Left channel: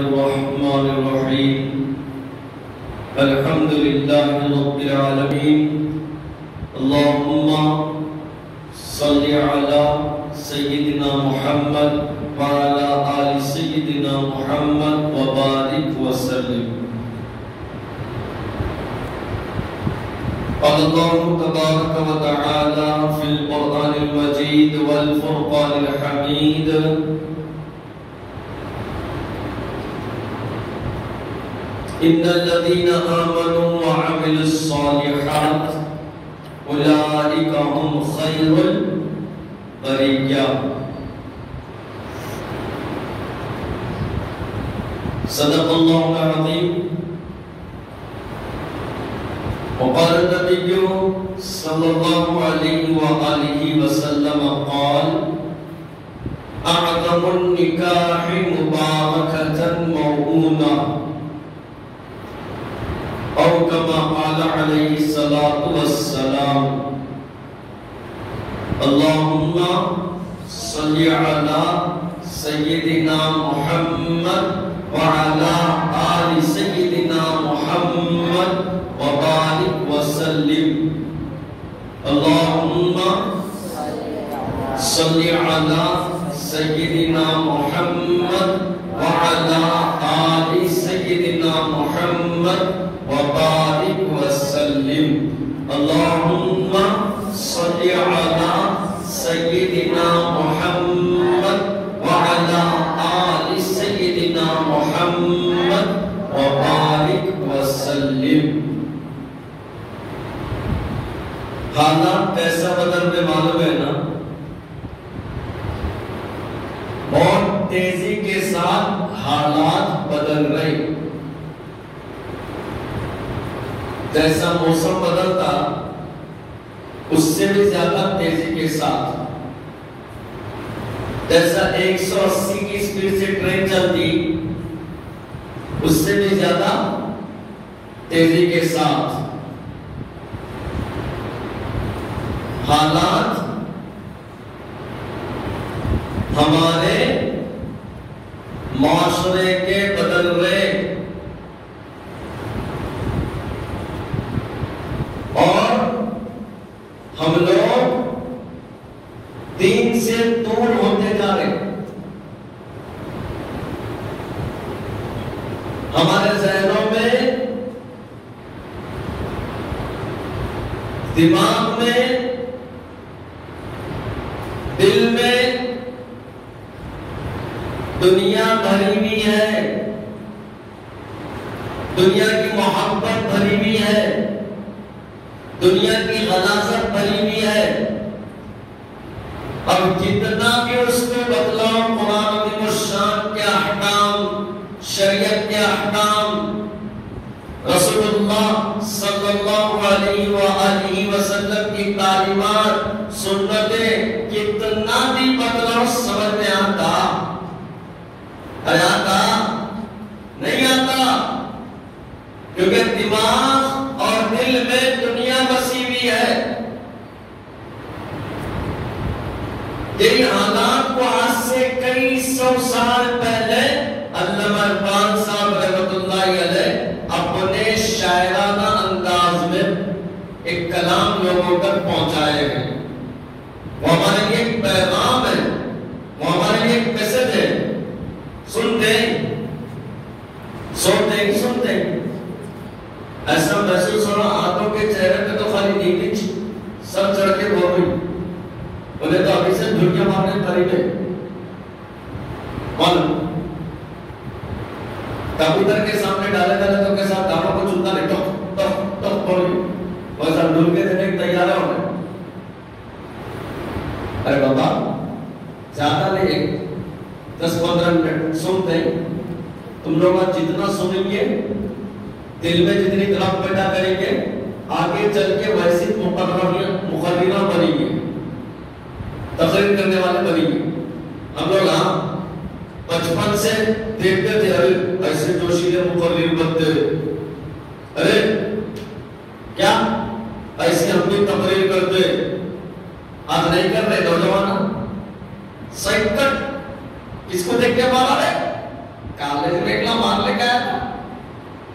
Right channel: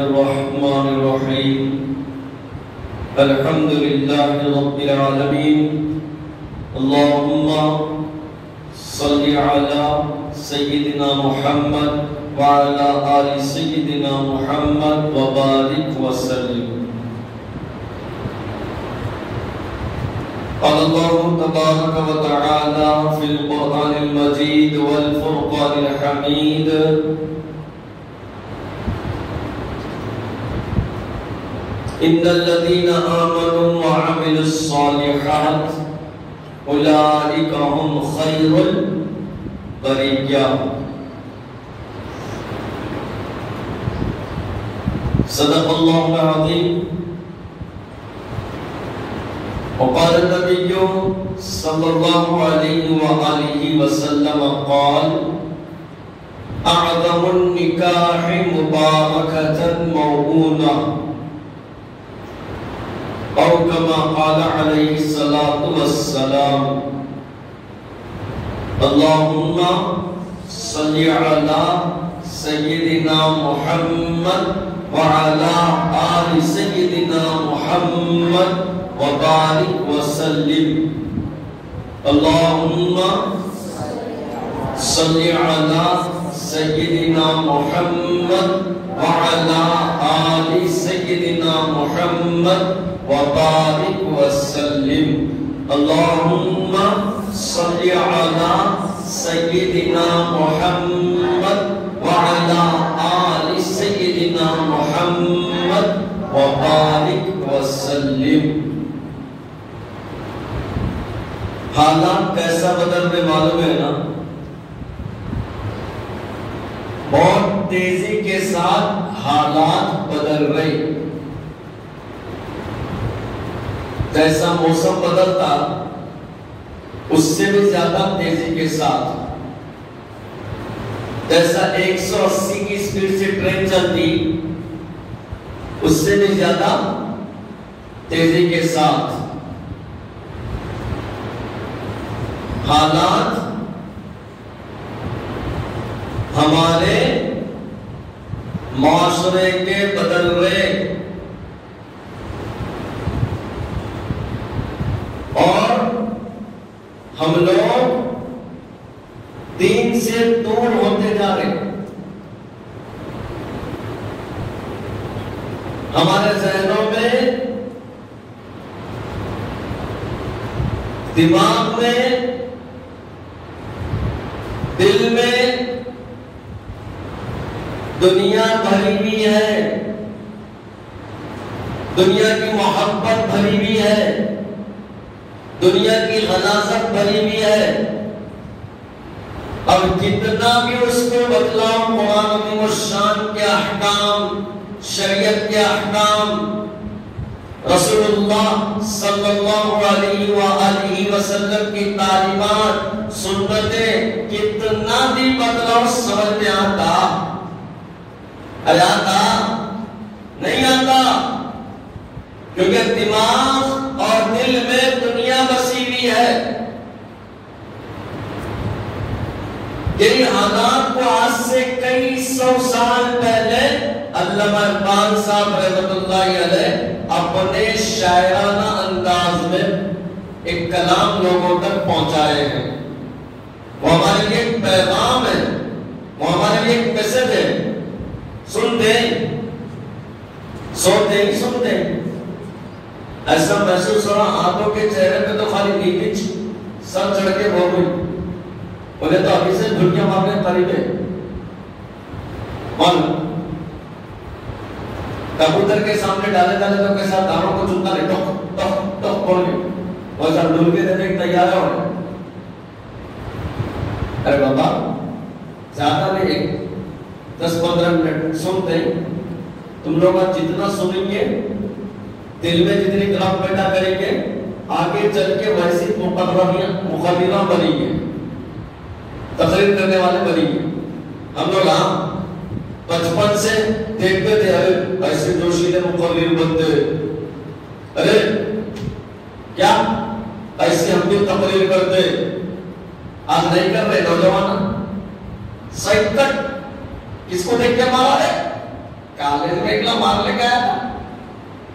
الرحمن الرحيم الحمد لله رب العالمين اللهم صل على سيدنا محمد وعلى آل سيدنا محمد وبارك وسلم قال الله تبارك وتعالى في القرآن المجيد والفرقان الحميد إن الذين آمنوا وعملوا الصالحات أولئك هم خير البرية صدق الله العظيم وقال النبي صلى الله عليه وآله وسلم قال أعظم النكاح مباركة موعونة أو كما قال عليه الصلاة والسلام اللهم صل على سيدنا محمد وعلى آل سيدنا محمد وبارك وسلم اللهم صل على سيدنا محمد وعلى آل سيدنا محمد وبارك وسلم اللهم صل على سيدنا محمد وعلى آل سيدنا محمد وبارك وسلم حالات کیسا بدل میں معلوم ہے نا بہت تیزی کے ساتھ حالات بدل رہے جیسا موسم بدلتا اس سے بھی زیادہ تیزی کے ساتھ جیسا 180 کی سپیڈ سے ٹرین چلتی اس سے بھی زیادہ تیزی کے ساتھ حالات ہمارے معاشرے کے بدل رہے اور ہم لوگ دین سے دور ہوتے جا رہے ہمارے ذہنوں میں دماغ میں دل میں دنیا بھری ہوئی ہے دنیا کی محبت بھری ہوئی ہے دنیا کی غلاظت بھری ہوئی ہے اب جتنا بھی اس کو بتلاؤ قرآن عظیم الشان کے احکام شریعت کے احکام رسول اللہ صلی اللہ علیہ وآلہ وسلم کی تعلیمات سنتیں کتنا بھی بتلاؤ سمجھ میں آتا نہیں آتا کیونکہ دماغ اور دل میں دنیا بسی ہوئی ہے جن حالات کو آج سے کئی سو سال پہلے علامہ اقبال صاحب رحمۃ اللہ علیہ اپنے شاعرانہ انداز میں ایک کلام لوگوں تک پہنچائے ہیں وہ ہمارے لیے ایک پیغام ہے وہ ہمارے لیے ایک میسج ہے سنتے سنتے ایسا محسوس ہو رہا آنکھوں کے چہرے پہ تو خالی نیچ سر چڑھ کے بول رہی بولے تو ابھی سے دنیا مارنے قریب ہے کبوتر کے سامنے ڈالے تو کے ساتھ دانوں کو چنتا نہیں ٹک بول رہی ویسا ڈول کے دینے کی تیار ہو رہے ارے بابا زیادہ نہیں 10-15 منٹ سنتے تم لوگ جتنا سنیں گے دل میں جتنی طرف پیدا کریں گے آگے چل کے ویسی مقررہ بنیں گے تقریر کرنے والے بنیں گے ہم لوگ بچپن سے دیکھتے تھے ارے ایسے جوشیلے مقرر بنتے ارے کیا ایسے ہم بھی تقریر کرتے آج نہیں کر رہے نوجوان سائیکل اس کو دیکھ کے مارا ہے کالج میں ایک مار لے گیا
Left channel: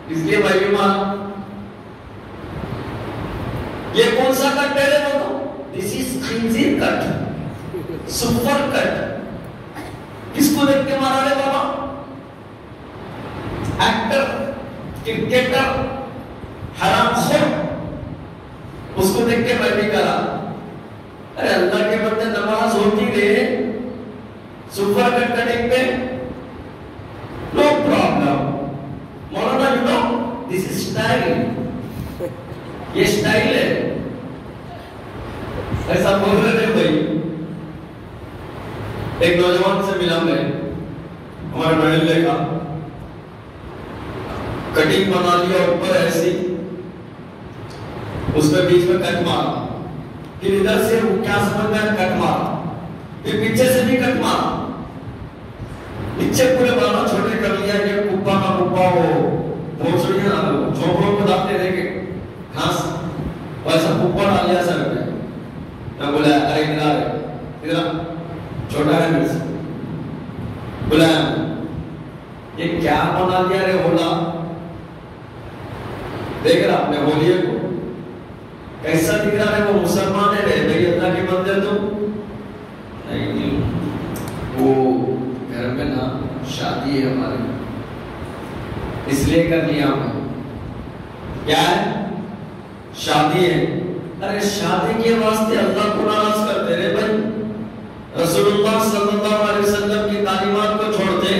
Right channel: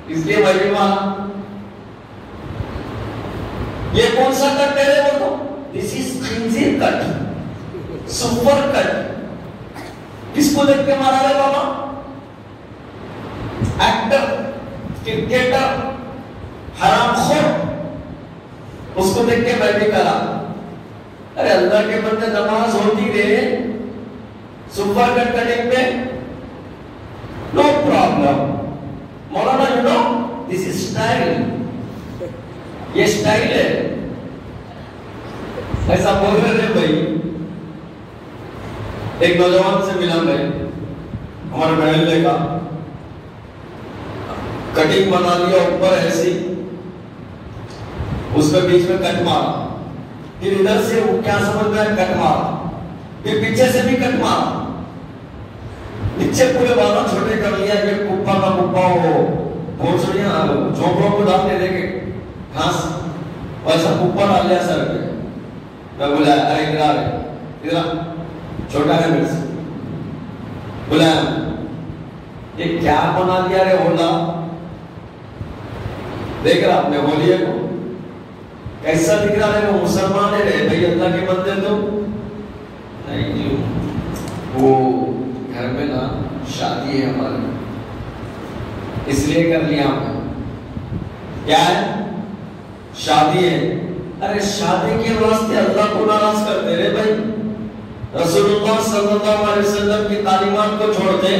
اس لیے بھائی مار یہ کون سا کٹ ہے بولو دس از خنزیر کٹ سپر کٹ کس کو دیکھ کے مارا ہے بابا ایکٹر کرکٹر حرام خور اس کو دیکھ کے میں بھی کرا ارے اللہ کے بندے نماز ہوتی رہے سپر کٹ کٹنگ پہ نو پرابلم مولانا you know this is style یہ اسٹائل ہے ایسا بول رہے تھے بھائی ایک نوجوان سے ملا میں ہمارے محلے کا کٹنگ بنا لیا اوپر ایسی اس کے بیچ میں کٹ مار پھر ادھر سے وہ کیا سمجھ میں کٹ مار پھر پیچھے سے بھی کٹ مار پیچھے پورے بالا چھوٹے کر لیا یہ کپا کا کپا ہو بھوسڑیاں جھونپڑوں کو ڈالتے دیکھے گھاس ویسا کپا ڈال لیا سر پہ میں بولا ارے ادھر چھوٹا ہے میرے سے بولا یہ کیا بنا دیا رے ہولا دیکھ رہا اپنے ہولیے کو کیسا دکھ رہا ہے وہ مسلمان ہے رے بھائی اللہ کے بندے تو نہیں وہ گھر میں نا شادی ہے ہماری اس لیے کر لیا ہم کیا ہے شادی ہے ارے شادی کے واسطے اللہ کو ناراض کرتے رہے بھائی رسول اللہ صلی اللہ علیہ وسلم کی تعلیمات کو چھوڑتے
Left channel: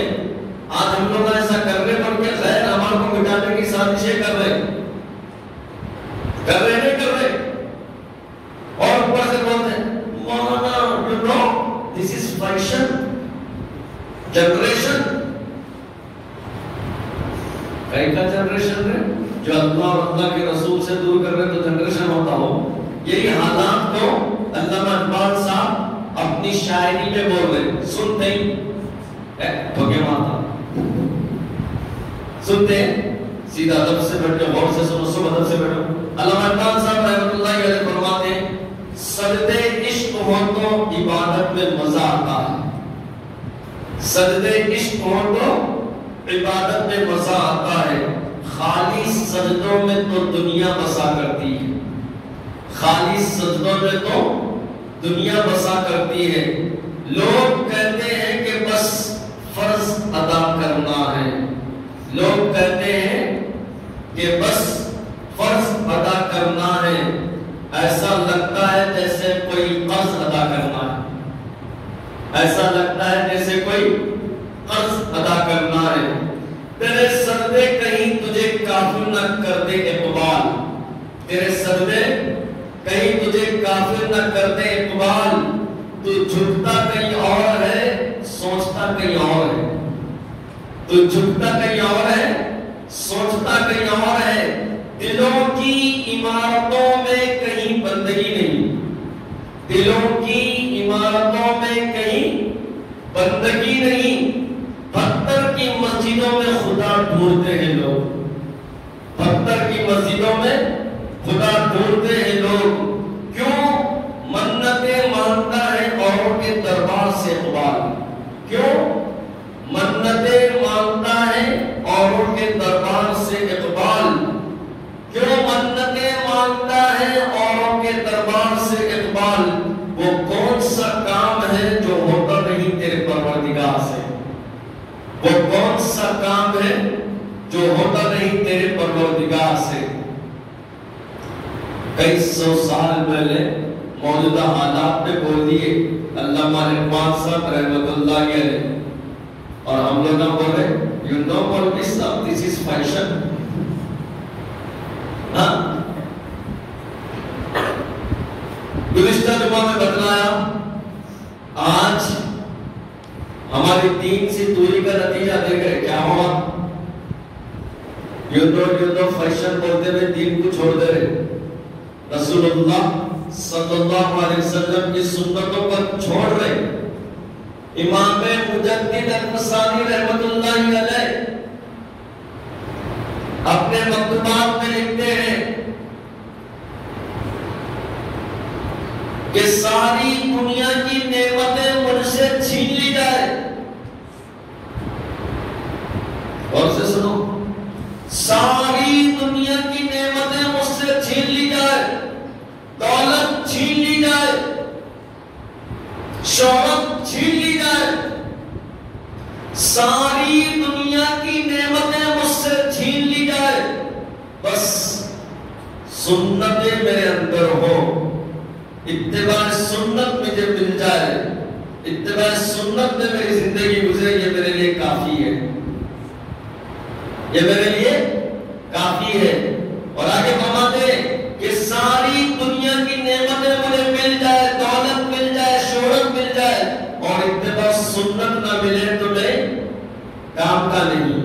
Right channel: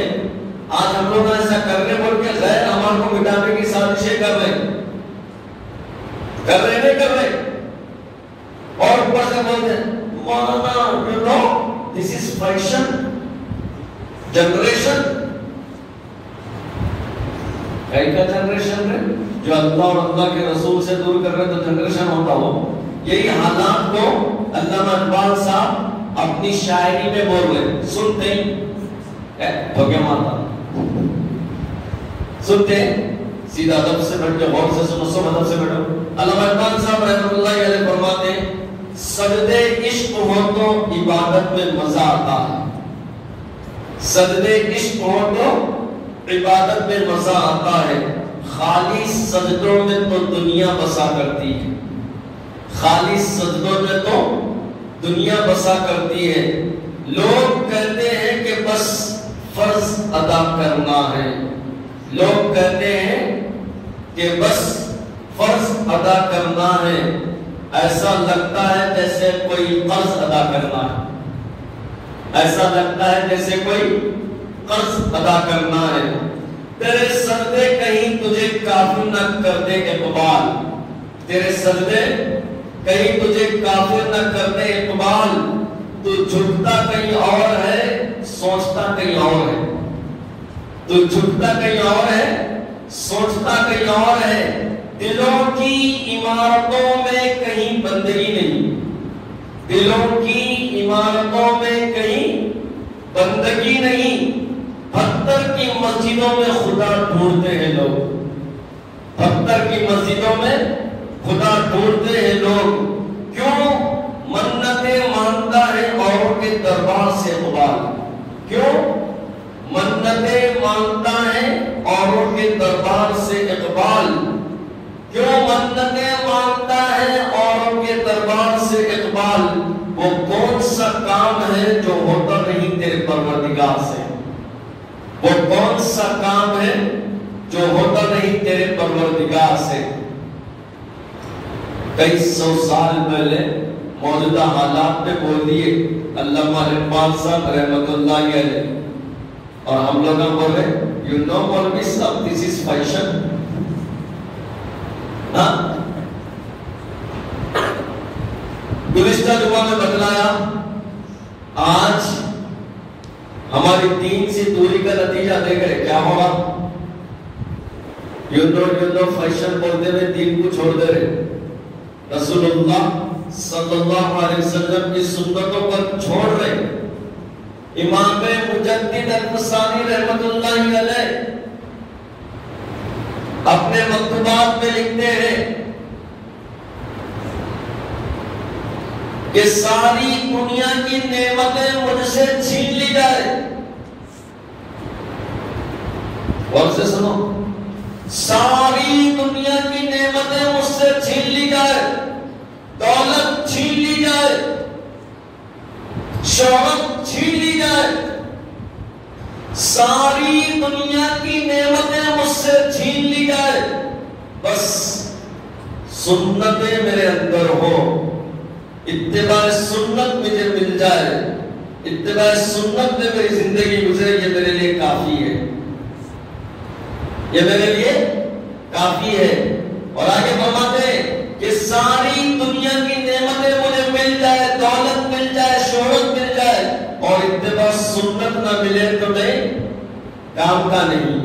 آج ہم لوگ ایسا کرنے پر کیا غیر اعمال کو مٹانے کی سازشیں کر رہے نہیں کر رہے اور اوپر سے بولتے مولانا you know this is fashion generation کئی کا جنریشن ہے جو اللہ اور اللہ کے رسول سے دور کر رہے تو جنریشن ہوتا ہو یہی حالات کو علامہ اقبال صاحب اپنی شاعری میں بول رہے سنتے دھوکے مارتا سنتے سیدھا ادب سے بیٹھے غور سے سنو سب ادب سے بیٹھو علامہ اقبال صاحب رحمۃ اللہ علیہ فرماتے ہیں سجدے عشق ہو تو عبادت میں مزہ آتا ہے سجدے عشق ہو تو عبادت میں مزہ آتا ہے خالی سجدوں میں تو دنیا بسا کرتی ہے خالی سجدوں میں تو دنیا بسا کرتی ہے لوگ کہتے ہیں کہ بس فرض ادا کرنا ہے لوگ کہتے ہیں کہ بس فرض ادا کرنا ہے ایسا لگتا ہے جیسے کوئی قرض ادا کرنا ہے ایسا لگتا ہے جیسے کوئی قرض ادا کرنا ہے تیرے سجدے کہیں تجھے کافر نہ کر دے اقبال تیرے سجدے کہیں تجھے کافر نہ کر دے اقبال تو جھکتا کہیں اور ہے سوچتا کہیں اور ہے تو جھکتا کہیں اور ہے سوچتا کہیں اور ہے دلوں کی عمارتوں میں کہیں بندگی نہیں دلوں کی عمارتوں میں کہیں بندگی نہیں پتھر کی مسجدوں میں خدا ڈھونڈتے ہیں لوگ پتھر کی مسجدوں میں خدا ڈھونڈتے ہیں لوگ کیوں منتیں مانتا ہے اوروں کے دربار سے اقبال کیوں منتیں مانتا ہے اوروں کے دربار سے اقبال کیوں منتیں مانتا ہے اوروں کے دربار سے اقبال وہ کون سا کام ہے جو ہوتا نہیں تیرے پروردگار سے وہ کون سا کام ہے جو ہوتا نہیں تیرے پروردگار سے کئی سو سال پہلے موجودہ حالات میں بول دیے علامہ اقبال صاحب رحمۃ اللہ علیہ اور ہم لوگ نہ بول رہے یو نو بول بھی سب دس از فیشن گزشتہ جمعہ میں بتلایا آج ہماری دین سے دوری کا نتیجہ دیکھے کیا ہوگا یو نو فیشن بولتے ہوئے دین کو چھوڑ دے رہے رسول اللہ صلی اللہ علیہ وسلم کی سنتوں کو چھوڑ رہے امام مجدد الفسانی رحمت اللہ علیہ اپنے مکتوبات میں لکھتے ہیں کہ ساری دنیا کی نعمتیں مجھ سے چھین لی جائے اور سے سنو، ساری دنیا کی نعمتیں مجھ سے چھین لی جائے، دولت چھین لی جائے، شہرت چھین لی جائے، ساری دنیا کی نعمتیں مجھ سے چھین لی جائے، بس سنتیں میرے اندر ہو، اتباع سنت مجھے مل جائے، اتباع سنت میں میری زندگی گزرے، یہ میرے لیے کافی ہے، یہ میرے لیے کافی ہے۔ اور آگے فرماتے ہیں کہ ساری دنیا کی نعمتیں مجھے مل جائے، دولت مل جائے، شہرت مل جائے، اور اتباع سنت نہ ملے تو میں کام کا نہیں،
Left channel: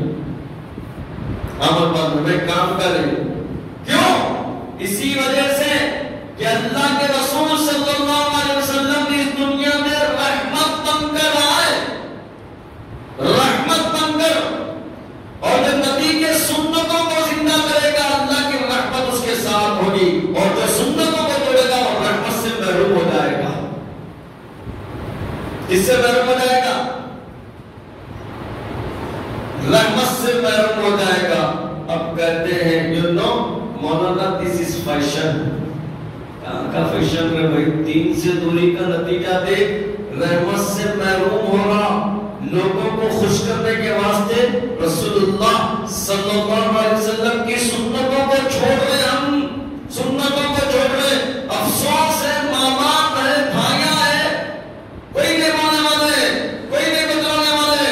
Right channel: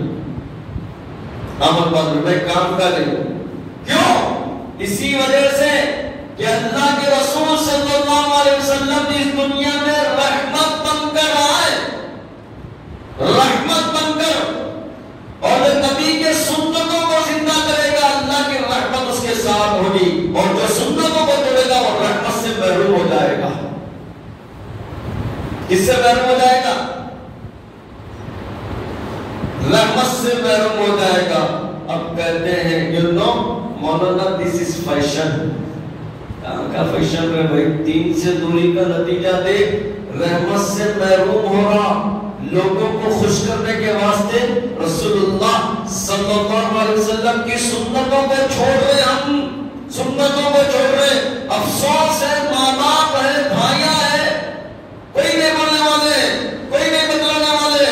عمل پر میں کام کا نہیں۔ کیوں؟ اسی وجہ سے کہ اللہ کے رسول صلی اللہ علیہ وسلم نے اس دنیا میں رحمت بن کر آئے، رحمت بن کر، اور جو نبی کے سنتوں کو زندہ کرے گا اللہ کی رحمت اس کے ساتھ ہوگی، اور جو سنتوں کو توڑے گا وہ رحمت سے محروم ہو جائے گا۔ اس سے محروم ہو جائے گا، رحمت سے محروم ہو جائے گا۔ اب کہتے ہیں you know Maulana this is fashion, کہاں کا فیشن ہے بھائی؟ دین سے دوری کا نتیجہ دیکھ، رحمت سے محروم ہو رہا، لوگوں کو خوش کرنے کے واسطے رسول اللہ صلی اللہ علیہ وسلم کی سنتوں کو چھوڑ رہے، ہم سنتوں کو چھوڑ رہے، افسوس ہے، ماں باپ ہے، بھائیاں ہے، کوئی نہیں ماننے والے، کوئی نہیں بدلانے والے۔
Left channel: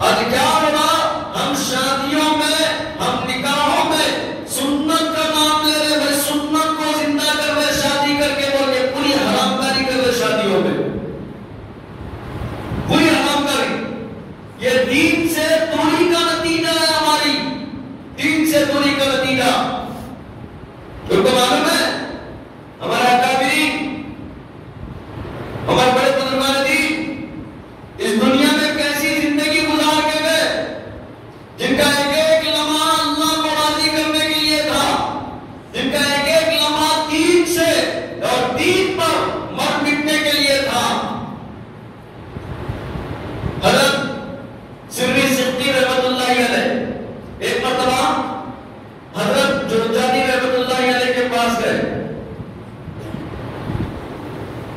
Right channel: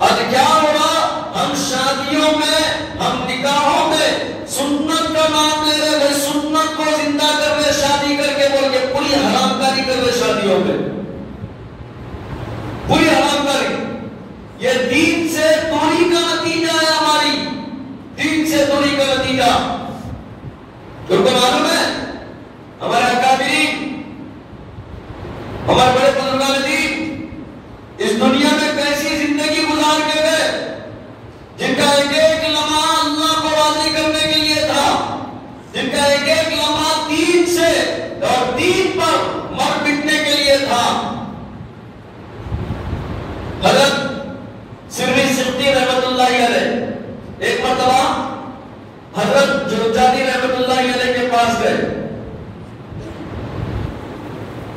آج کیا ہو رہا؟ ہم شادیوں میں، ہم نکاحوں میں سنت کا نام لے رہے، وہ سنت کو زندہ کر رہے، شادی کر کے بول کے پوری حرام کاری کر رہے، شادیوں میں پوری حرام کاری۔ یہ دین سے دوری کا نتیجہ ہے، ہماری دین سے دوری کا نتیجہ۔ تم کو معلوم ہے ہمارے اکابرین، ہمارے بڑے بزرگان دین اس دنیا میں کیسی زندگی گزار کے گئے، جن کا ایک ایک لمحہ اللہ کو راضی کرنے کے لیے تھا، جن کا ایک ایک لمحہ دین سے اور دین پر مر مٹنے کے لیے تھا۔ حضرت سری سختی رحمت اللہ علیہ ایک مرتبہ حضرت جرجانی رحمت اللہ علیہ کے پاس گئے،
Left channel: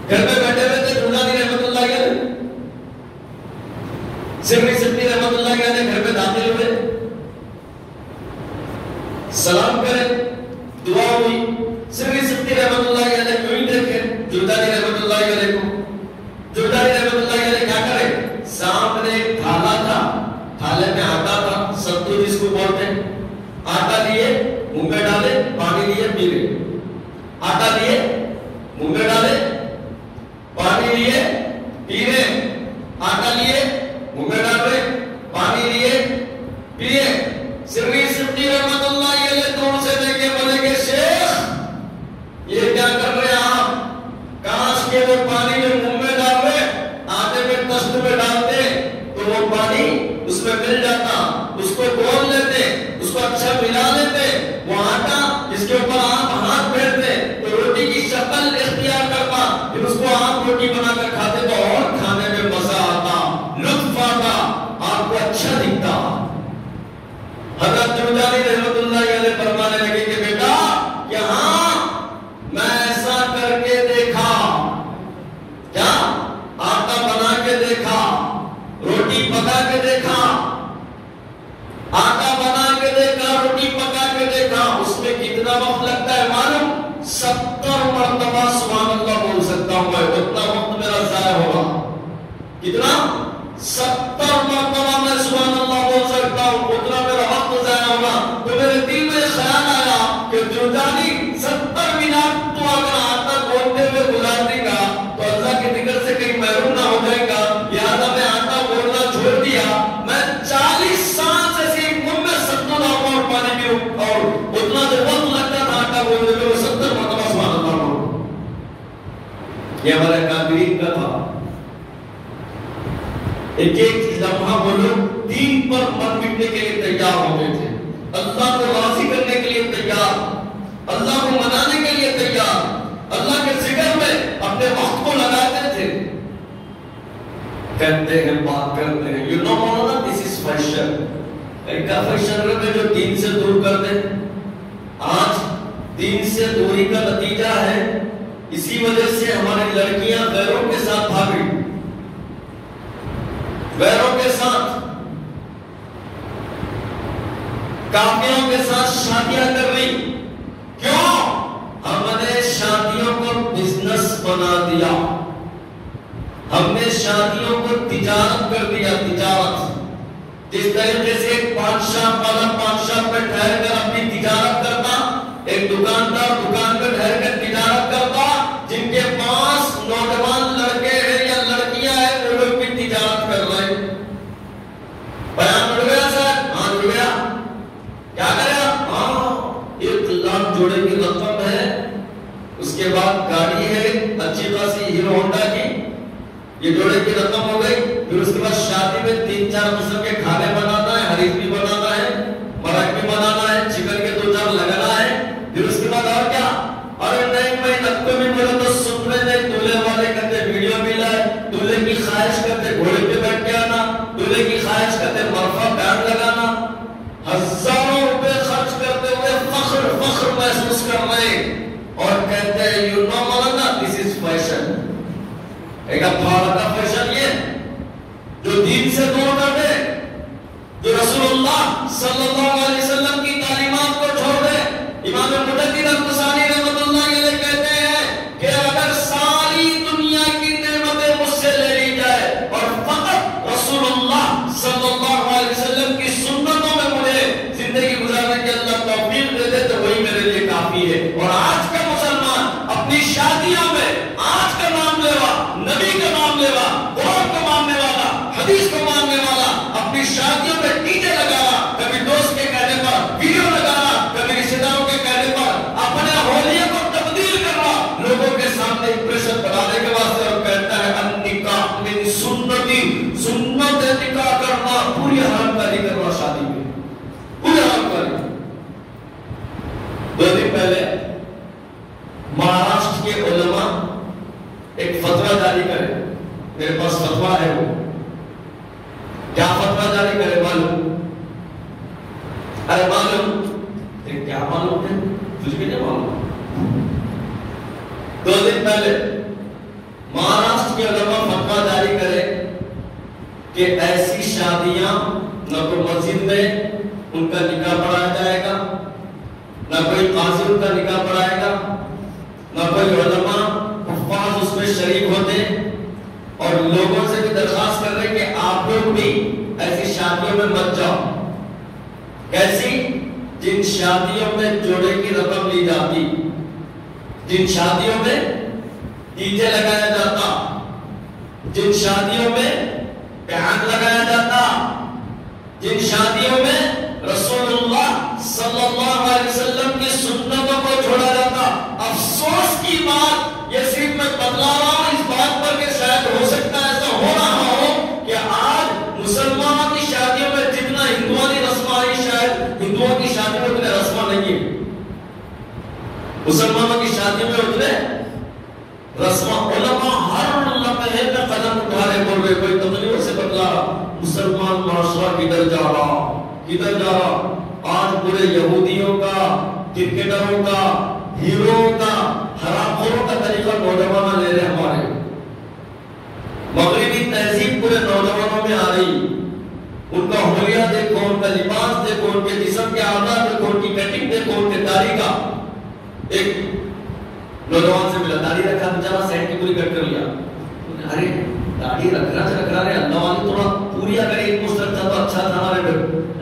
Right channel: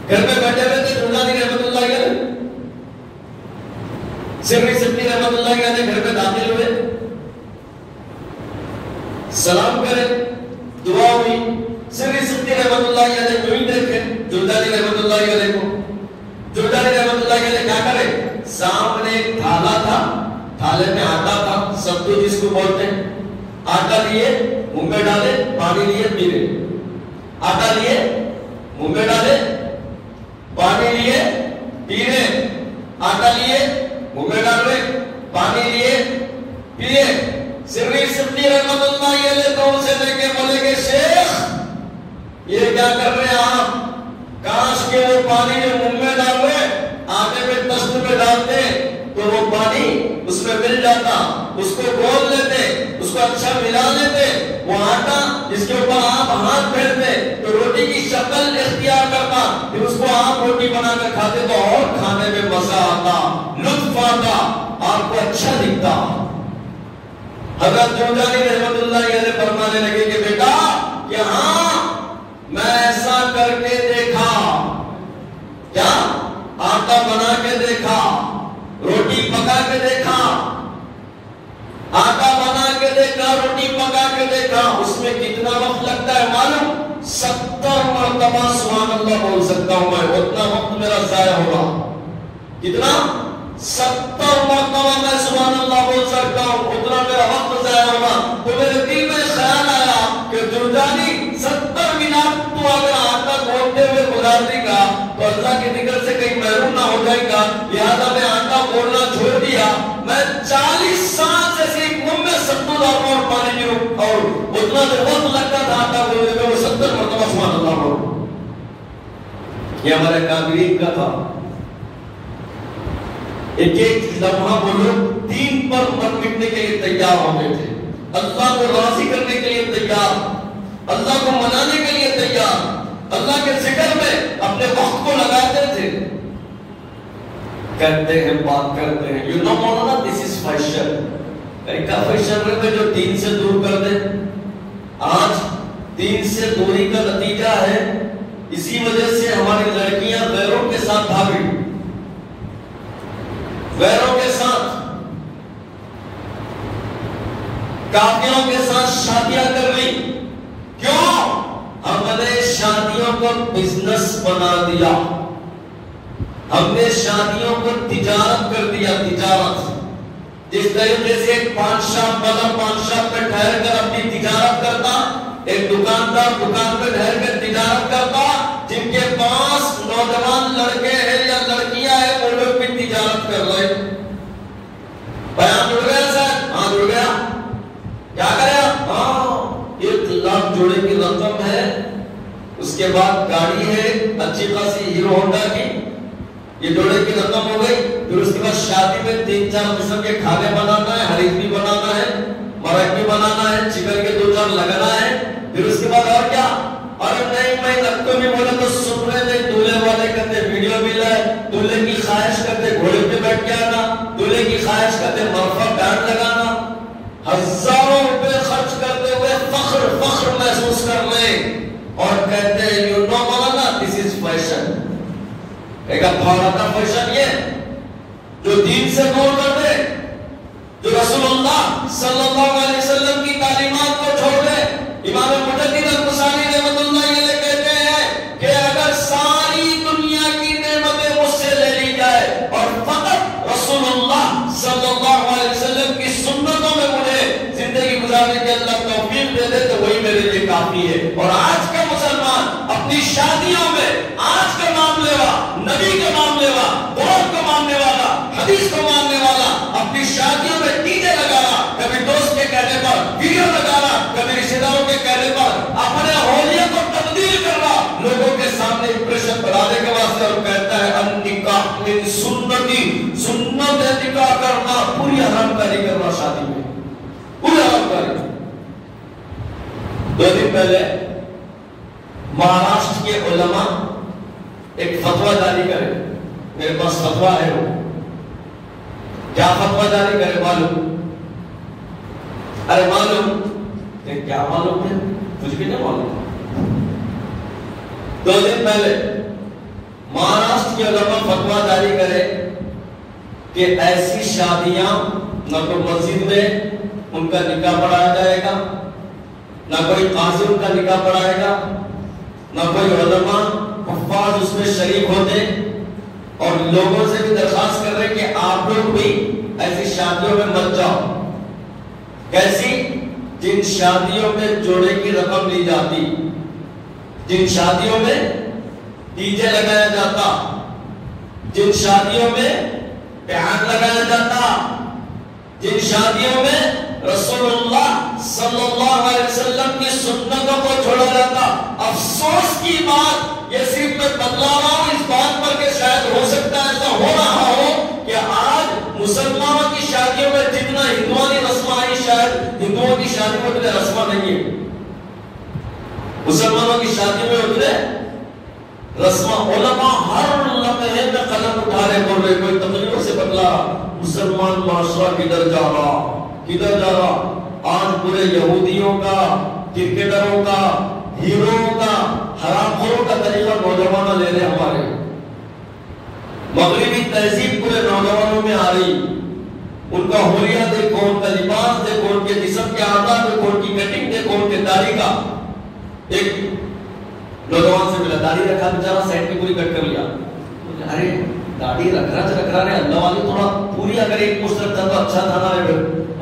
گھر میں بیٹھے ہوئے تھے جرجانی رحمت اللہ علیہ، سری سختی رحمت اللہ علیہ گھر میں داخل ہوئے، سلام کرے، دعا ہوئی، سری سختی رحمت اللہ علیہ کو بھی دیکھے جرجانی رحمت اللہ علیہ کو، جرجانی رحمت اللہ علیہ کیا کرے؟ سامنے ایک تھالا تھا، تھالے میں آٹا تھا، ستو جس کو بولتے ہیں، آٹا لیے منہ میں ڈالے، پانی لیے پی گئے، آٹا لیے منہ میں ڈالے، پانی لیے پی رہے، آٹا لیے منہ میں ڈال رہے، پانی لیے پیے۔ سری سختی رحمت اللہ علیہ دور سے دیکھے بولے کہ شیخ یہ کیا کر رہے ہیں آپ؟ کاش کے وہ پانی میں منہ میں ڈال رہے، آٹے میں دست میں ڈالتے تو وہ پانی اس میں مل جاتا، اس کو گول لیتے، اس کو اچھا ملا لیتے، وہ آٹا جس کے اوپر آپ ہاتھ پھیرتے تو روٹی کی شکل اختیار کرتا، پھر اس کو آپ روٹی بنا کر کھاتے تو اور کھانے میں مزہ آتا، لطف آتا، آپ کو اچھا دکھتا۔ حضرت جرجانی رحمت اللہ علیہ فرمانے لگے کہ بیٹا یہاں میں ایسا کر کے دیکھا، کیا آٹا بنا کے دیکھا، روٹی پکا کے دیکھا، آٹا بنا کے دیکھا، روٹی پکا کے دیکھا، اس میں کتنا وقت لگتا ہے معلوم؟ 70 مرتبہ سبحان اللہ بول سکتا ہوں میں، اتنا وقت میرا ضائع ہوگا۔ کتنا؟ 70 مرتبہ میں سبحان اللہ بول سکتا ہوں، اتنا میرا وقت ضائع ہوگا۔ تو میرے دل میں خیال آیا کہ جرجانی 70 منٹ تو اگر آٹا گھولتے ہوئے گزار دے گا تو اللہ کے ذکر سے کہیں محروم نہ ہو جائے گا، لہٰذا میں آٹا گھولنا چھوڑ دیا، میں 40 سال سے صرف منہ میں ستو لاؤں اور پانی پیوں، اور اتنا جو وقت لگتا تھا آٹا گھولنے میں وہ 70 مرتبہ سبحان اللہ بولوں۔ یہ ہمارے کابرین کا تھا، ایک ایک لمحہ وہ لوگ دین پر مر مٹنے کے لیے تیار ہو گئے تھے، اللہ کو راضی کرنے کے لیے تیار، اللہ کو منانے کے لیے تیار، اللہ کے ذکر میں اپنے وقت کو لگاتے تھے۔ کہتے ہیں بات کرتے ہیں you know Maulana this is fashion. کا فیشن رہے جو دین سے دور کر دے. آج دین سے دوری کا نتیجہ ہے اسی وجہ سے ہماری لڑکیاں غیروں کے ساتھ بھاگی, غیروں کے ساتھ کافروں کے ساتھ شادیاں کر لی. کیوں؟ ہم نے شادیوں کو بزنس بنا دیا, ہم نے شادیوں کو تجارت کر دیا. تجارت جس طریقے سے ایک پادشاہ والا پادشاہ پہ ٹھہر کر اپنی تجارت کرتا, ایک دکاندار دکان پہ ٹھہر کر تجارت کرتا, جن کے پاس نوجوان لڑکے ہیں یا لڑکیاں ہیں وہ لوگ بھی تجارت کر رہے. بیان اڑ گیا سر؟ ہاں اڑ گیا. کیا کرے آپ؟ ہاں 1 لاکھ جوڑے کی رقم ہے, اس کے بعد گاڑی ہے اچھی خاصی ہیرو ہونڈا کی, یہ جوڑے کی رقم ہو گئی. پھر اس کے بعد شادی میں 3-4 قسم کے کھانے بنانا ہے, حریف بھی بنانا ہے, مرغ بھی بنانا ہے, چکن کے 2-4 لگنا ہے. پھر اس کے بعد اور کیا؟ ارے نہیں میں نب کو بھی بولے تو سن رہے تھے, دولہے والے کرتے ویڈیو بھی لائے, دولہے کی خواہش کرتے گھوڑے پہ بیٹھ کے آنا, دولہے کی خواہش کرتے مرفا بینڈ لگانا, ہزاروں روپے خرچ کرتے ہوئے فخر محسوس کر لیں اور کہتے ہیں you know Maulana this is fashion. ایک بھارت کا فیشن یہ جو دین سے دور کر دے, جو رسول اللہ صلی اللہ علیہ وسلم کی تعلیمات کو چھوڑ دے. امام مجدد القسانی رحمۃ اللہ علیہ کہتے ہیں کہ اگر ساری دنیا کی نعمتیں مجھ سے لے لی جائے اور فقط رسول اللہ صلی اللہ علیہ وسلم کی سنتوں میں مجھے زندگی گزارنے کے اللہ توفیق دے دے تو وہی میرے لیے کافی ہے. اور آج کا مسلمان اپنی شادیوں میں آج کا نام لیوا, نبی کا نام لیوا, قرآن کو ماننے والا, حدیث کو ماننے والا, اپنی شادیوں میں ڈی جے لگا رہا, کبھی دوست کے کہنے پر ویڈیو لگا رہا, کبھی رشتے داروں کے کہنے پر اپنے ہولیوں کو تبدیل کر رہا لوگوں کے سامنے امپریشن بنانے کے واسطے, اور کہتا ہے النکاح من سنتی, سنت نکاح کرنا پوری حرام کاری کرنا شادی میں, پوری حرام کاری. 2 دن پہلے مہاراشٹر کے علماء ایک فتویٰ جاری کرے, میرے پاس فتویٰ ہے. وہ کیا فتویٰ جاری کرے معلوم؟ ارے معلوم کیا معلوم ہے؟ کچھ بھی نہیں معلوم. 2 دن پہلے مہاراشٹر کے علماء فتویٰ جاری کرے کہ ایسی شادیاں نہ تو مسجد میں ان کا نکاح پڑھایا جائے گا, نہ کوئی قاضی ان کا نکاح پڑھائے گا, نہ کوئی علماء حفاظ اس میں شریک ہوتے, اور لوگوں سے بھی درخواست کر رہے کہ آپ لوگ بھی ایسی شادیوں میں مت جاؤ. کیسی؟ جن شادیوں میں جوڑے کی رقم لی جاتی, جن شادیوں میں ڈی جے لگایا جاتا, جن شادیوں میں بینڈ لگایا جاتا, جن شادیوں میں رسول اللہ صلی اللہ علیہ وسلم کی سنتوں کو چھوڑا جاتا. افسوس کی بات یہ صرف میں بتلا رہا ہوں اس بات پر کہ شاید ہو سکتا ہے ایسا ہو رہا ہو کہ آج مسلمانوں کی شادیوں میں جتنا ہندوؤں کی رسم آئی شاید ہندوؤں کی شادی میں اتنے رسم نہیں ہے, مسلمانوں کی شادی میں اتنے رسم. علماء ہر لمحے میں قدم اٹھا رہے, بول رہے, کوئی تقریروں سے بتلا مسلمان معاشرہ کدھر جا رہا, کدھر جا رہا. آج پورے یہودیوں کا, کرکٹروں کا, ہیروؤں کا, حرام خوروں کا طریقہ نوجوانوں لے رہے. ہمارے مغربی تہذیب پورے نوجوانوں میں آ رہی. ان کا حلیہ دیکھو, ان کا لباس دیکھو, ان کے جسم کے اعضاء دیکھو, ان کی کٹنگ دیکھو, ان کے داڑھی کا. ایک نوجوان سے ملا, داڑھی رکھا بیچارہ, سائڈ کی پوری کٹ کر لیا. ارے داڑھی رکھ رہا ہے اللہ والی تھوڑا پوری اگر ایک مشت رکھتا تو اچھا تھا نا.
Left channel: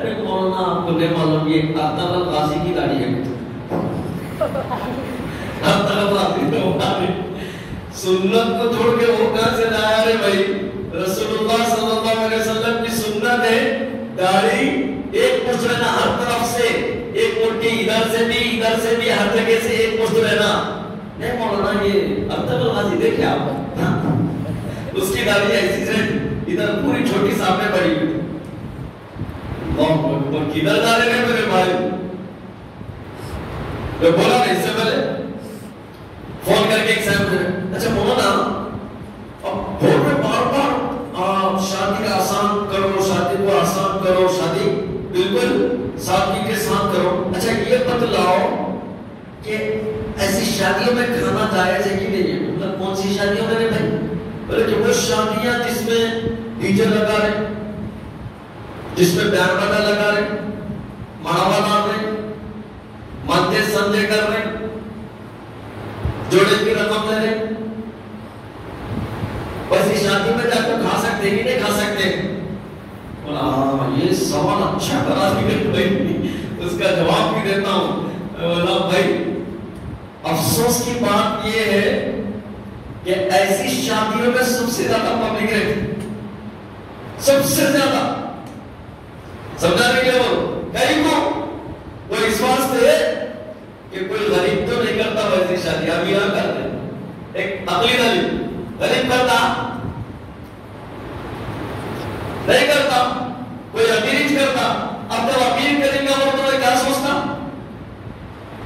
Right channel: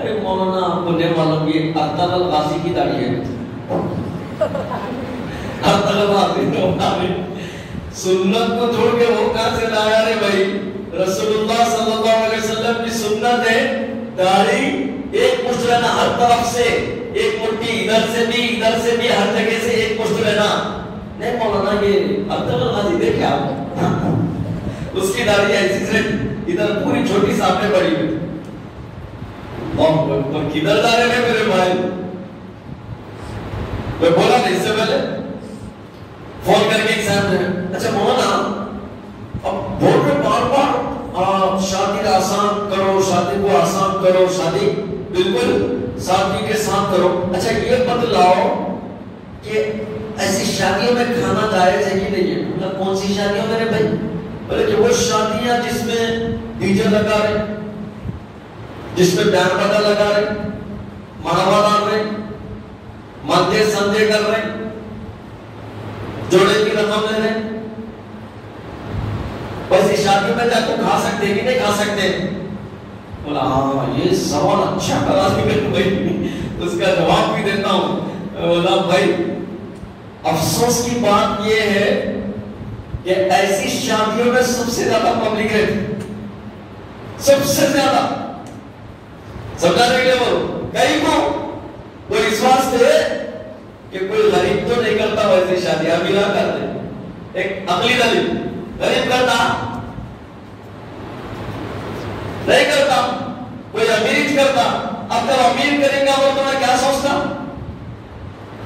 ارے مولانا آپ کو نہیں معلوم یہ اختاب القاضی کی داڑھی ہے. سنت کو چھوڑ کے وہ کہاں سے لایا رے بھائی؟ رسول اللہ صلی اللہ علیہ وسلم کی سنت ہے داڑھی ایک مشت رہنا ہر طرف سے, ایک مٹھی ادھر سے بھی ہر جگہ سے ایک مشت رہنا. نہیں مولانا یہ اختاب القاضی دیکھے آپ, اس کی داڑھی ایسی سے ادھر پوری چھوٹی سامنے پڑی ہوئی. کدھر جا رہے ہیں میرے بھائی؟ میں بولا نہیں اس سے پہلے فون کر کے ایک صاحب سے, اچھا مولانا اب بول رہے بار بار آپ شادی کا آسان کرو, شادی کو آسان کرو, بالکل سادگی کے ساتھ کرو. اچھا یہ بتلاؤ کہ ایسی شادیوں میں کھانا جائز ہے کہ نہیں ہے؟ مطلب کون سی شادیوں میں بھائی؟ بلکہ وہ شادیاں جس میں ڈی جے لگا رہے, جس میں بینڈ باجا لگا رہے, مڑاوا ڈال رہے, مندے سندے کر رہے, جوڑے کی رقم لے رہے, ویسی شادیوں میں جا کے کھا سکتے کہ نہیں کھا سکتے؟ بولا ہاں یہ سوال اچھا کرا بھائی, اس کا جواب بھی دیتا ہوں. بولا بھائی افسوس کی بات یہ ہے کہ ایسی شادیوں میں سب سے زیادہ پبلک ہے, سب سے زیادہ. سمجھانے کے وہ کئی کو وہ اس واسطے کہ کوئی غریب تو نہیں کرتا ویسی شادی, ابھی نہ کرتے. ایک عقلی غریب کرتا نہیں کرتا, کوئی امیر کرتا. اب جب امیر کریں گا وہ تمہیں کیا سوچتا؟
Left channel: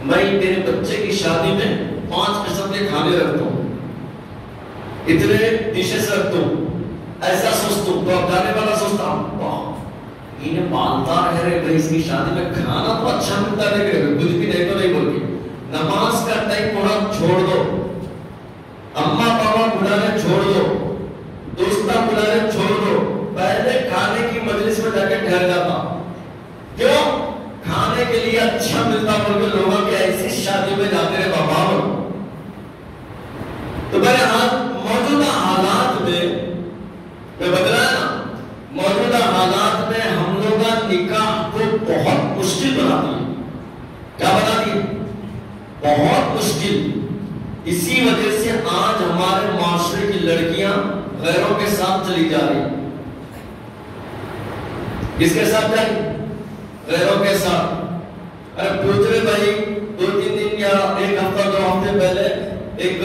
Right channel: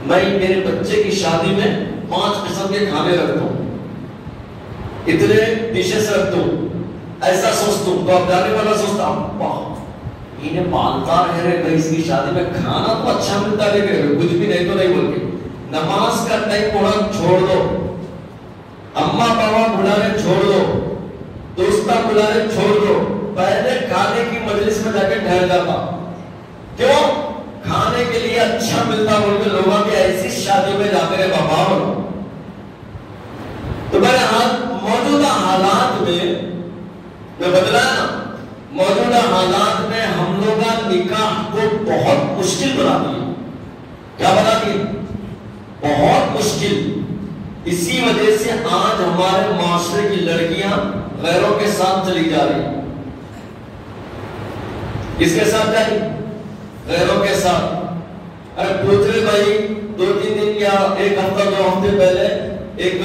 میں میرے بچے کی شادی میں 5 قسم کے کھانے رکھتا ہوں, اتنے ڈشز رکھتا ہوں, ایسا سوچتا ہوں. تو اب جانے والا سوچتا ہوں انہیں پالتا رہے گا, اس کی شادی میں کھانا تو اچھا ملتا رہے گا, کچھ بھی نہیں تو نہیں بول کے. نماز کا ٹائم تھوڑا چھوڑ دو, اماں پاپا بلانے چھوڑ دو, دوستہ بلانے چھوڑ دو, پہلے کھانے کی مجلس میں جا کے ٹھہر جاتا. کیوں؟ کھانے کے لیے اچھا ملتا بول کے لوگوں کے ایسی شادی میں جاتے رہے بابا. تو میرے موجودہ حالات میں بدلا ہے نا, موجودہ حالات میں ہم لوگ نکاح کو بہت مشکل بنا دیا. کیا بنا دیا؟ بہت مشکل. اسی وجہ سے آج ہمارے معاشرے کی لڑکیاں غیروں کے ساتھ چلی جا رہی ہیں. کس کے ساتھ جائیں؟ غیروں کے ساتھ. ارے پوچھ رہے بھائی 2-3 دن یا 1 ہفتہ 2 ہفتے پہلے ایک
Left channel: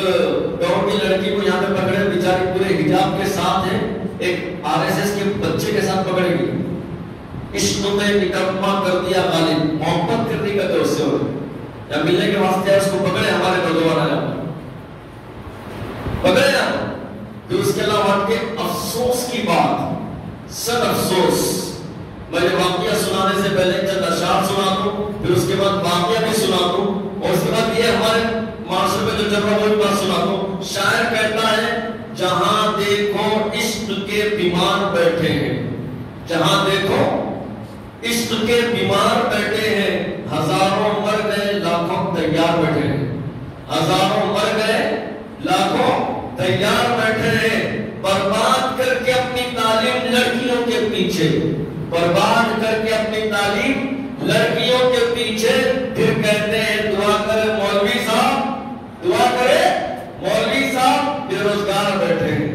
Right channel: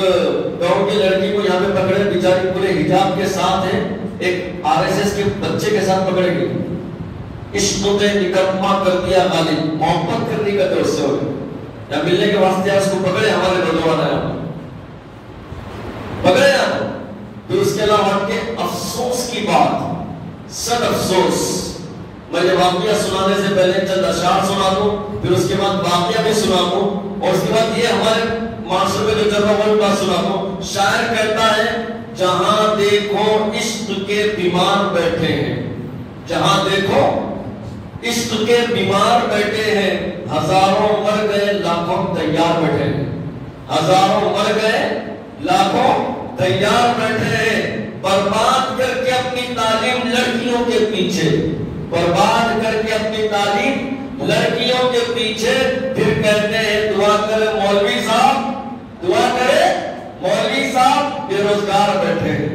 گاؤں کی لڑکی کو یہاں پہ پکڑے, بیچاری پورے حجاب کے ساتھ ہے, ایک RSS کے بچے کے ساتھ پکڑے گئی. عشق نے نکما کر دیا غالب, محبت کرنے کا تو اس سے ہو گئی یا ملنے کے واسطے اس کو پکڑے ہمارے نوجوان پکڑے نا. تو اس کے علاوہ کے افسوس کی بات, سر افسوس. میں یہ واقعہ سنانے سے پہلے چند اشعار سنا دوں, پھر اس کے بعد واقعہ بھی سنا دوں, اور اس کے بعد یہ ہمارے معاشرے میں جو چل رہا ہے وہ بات سنا دوں. شاعر کہتا ہے جہاں دیکھو عشق کے بیمار بیٹھے ہیں, جہاں دیکھو عشق کے بیمار بیٹھے ہیں, ہزاروں مر گئے لاکھوں تیار بیٹھے ہیں, ہزاروں مر گئے لاکھوں تیار بیٹھے ہیں. برباد کر کے اپنی تعلیم لڑکیوں کے پیچھے, برباد کر کے اپنی تعلیم لڑکیوں کے پیچھے, پھر کہتے ہیں دعا کرے مولوی صاحب, دعا کرے مولوی صاحب, بے روزگار بیٹھے ہیں.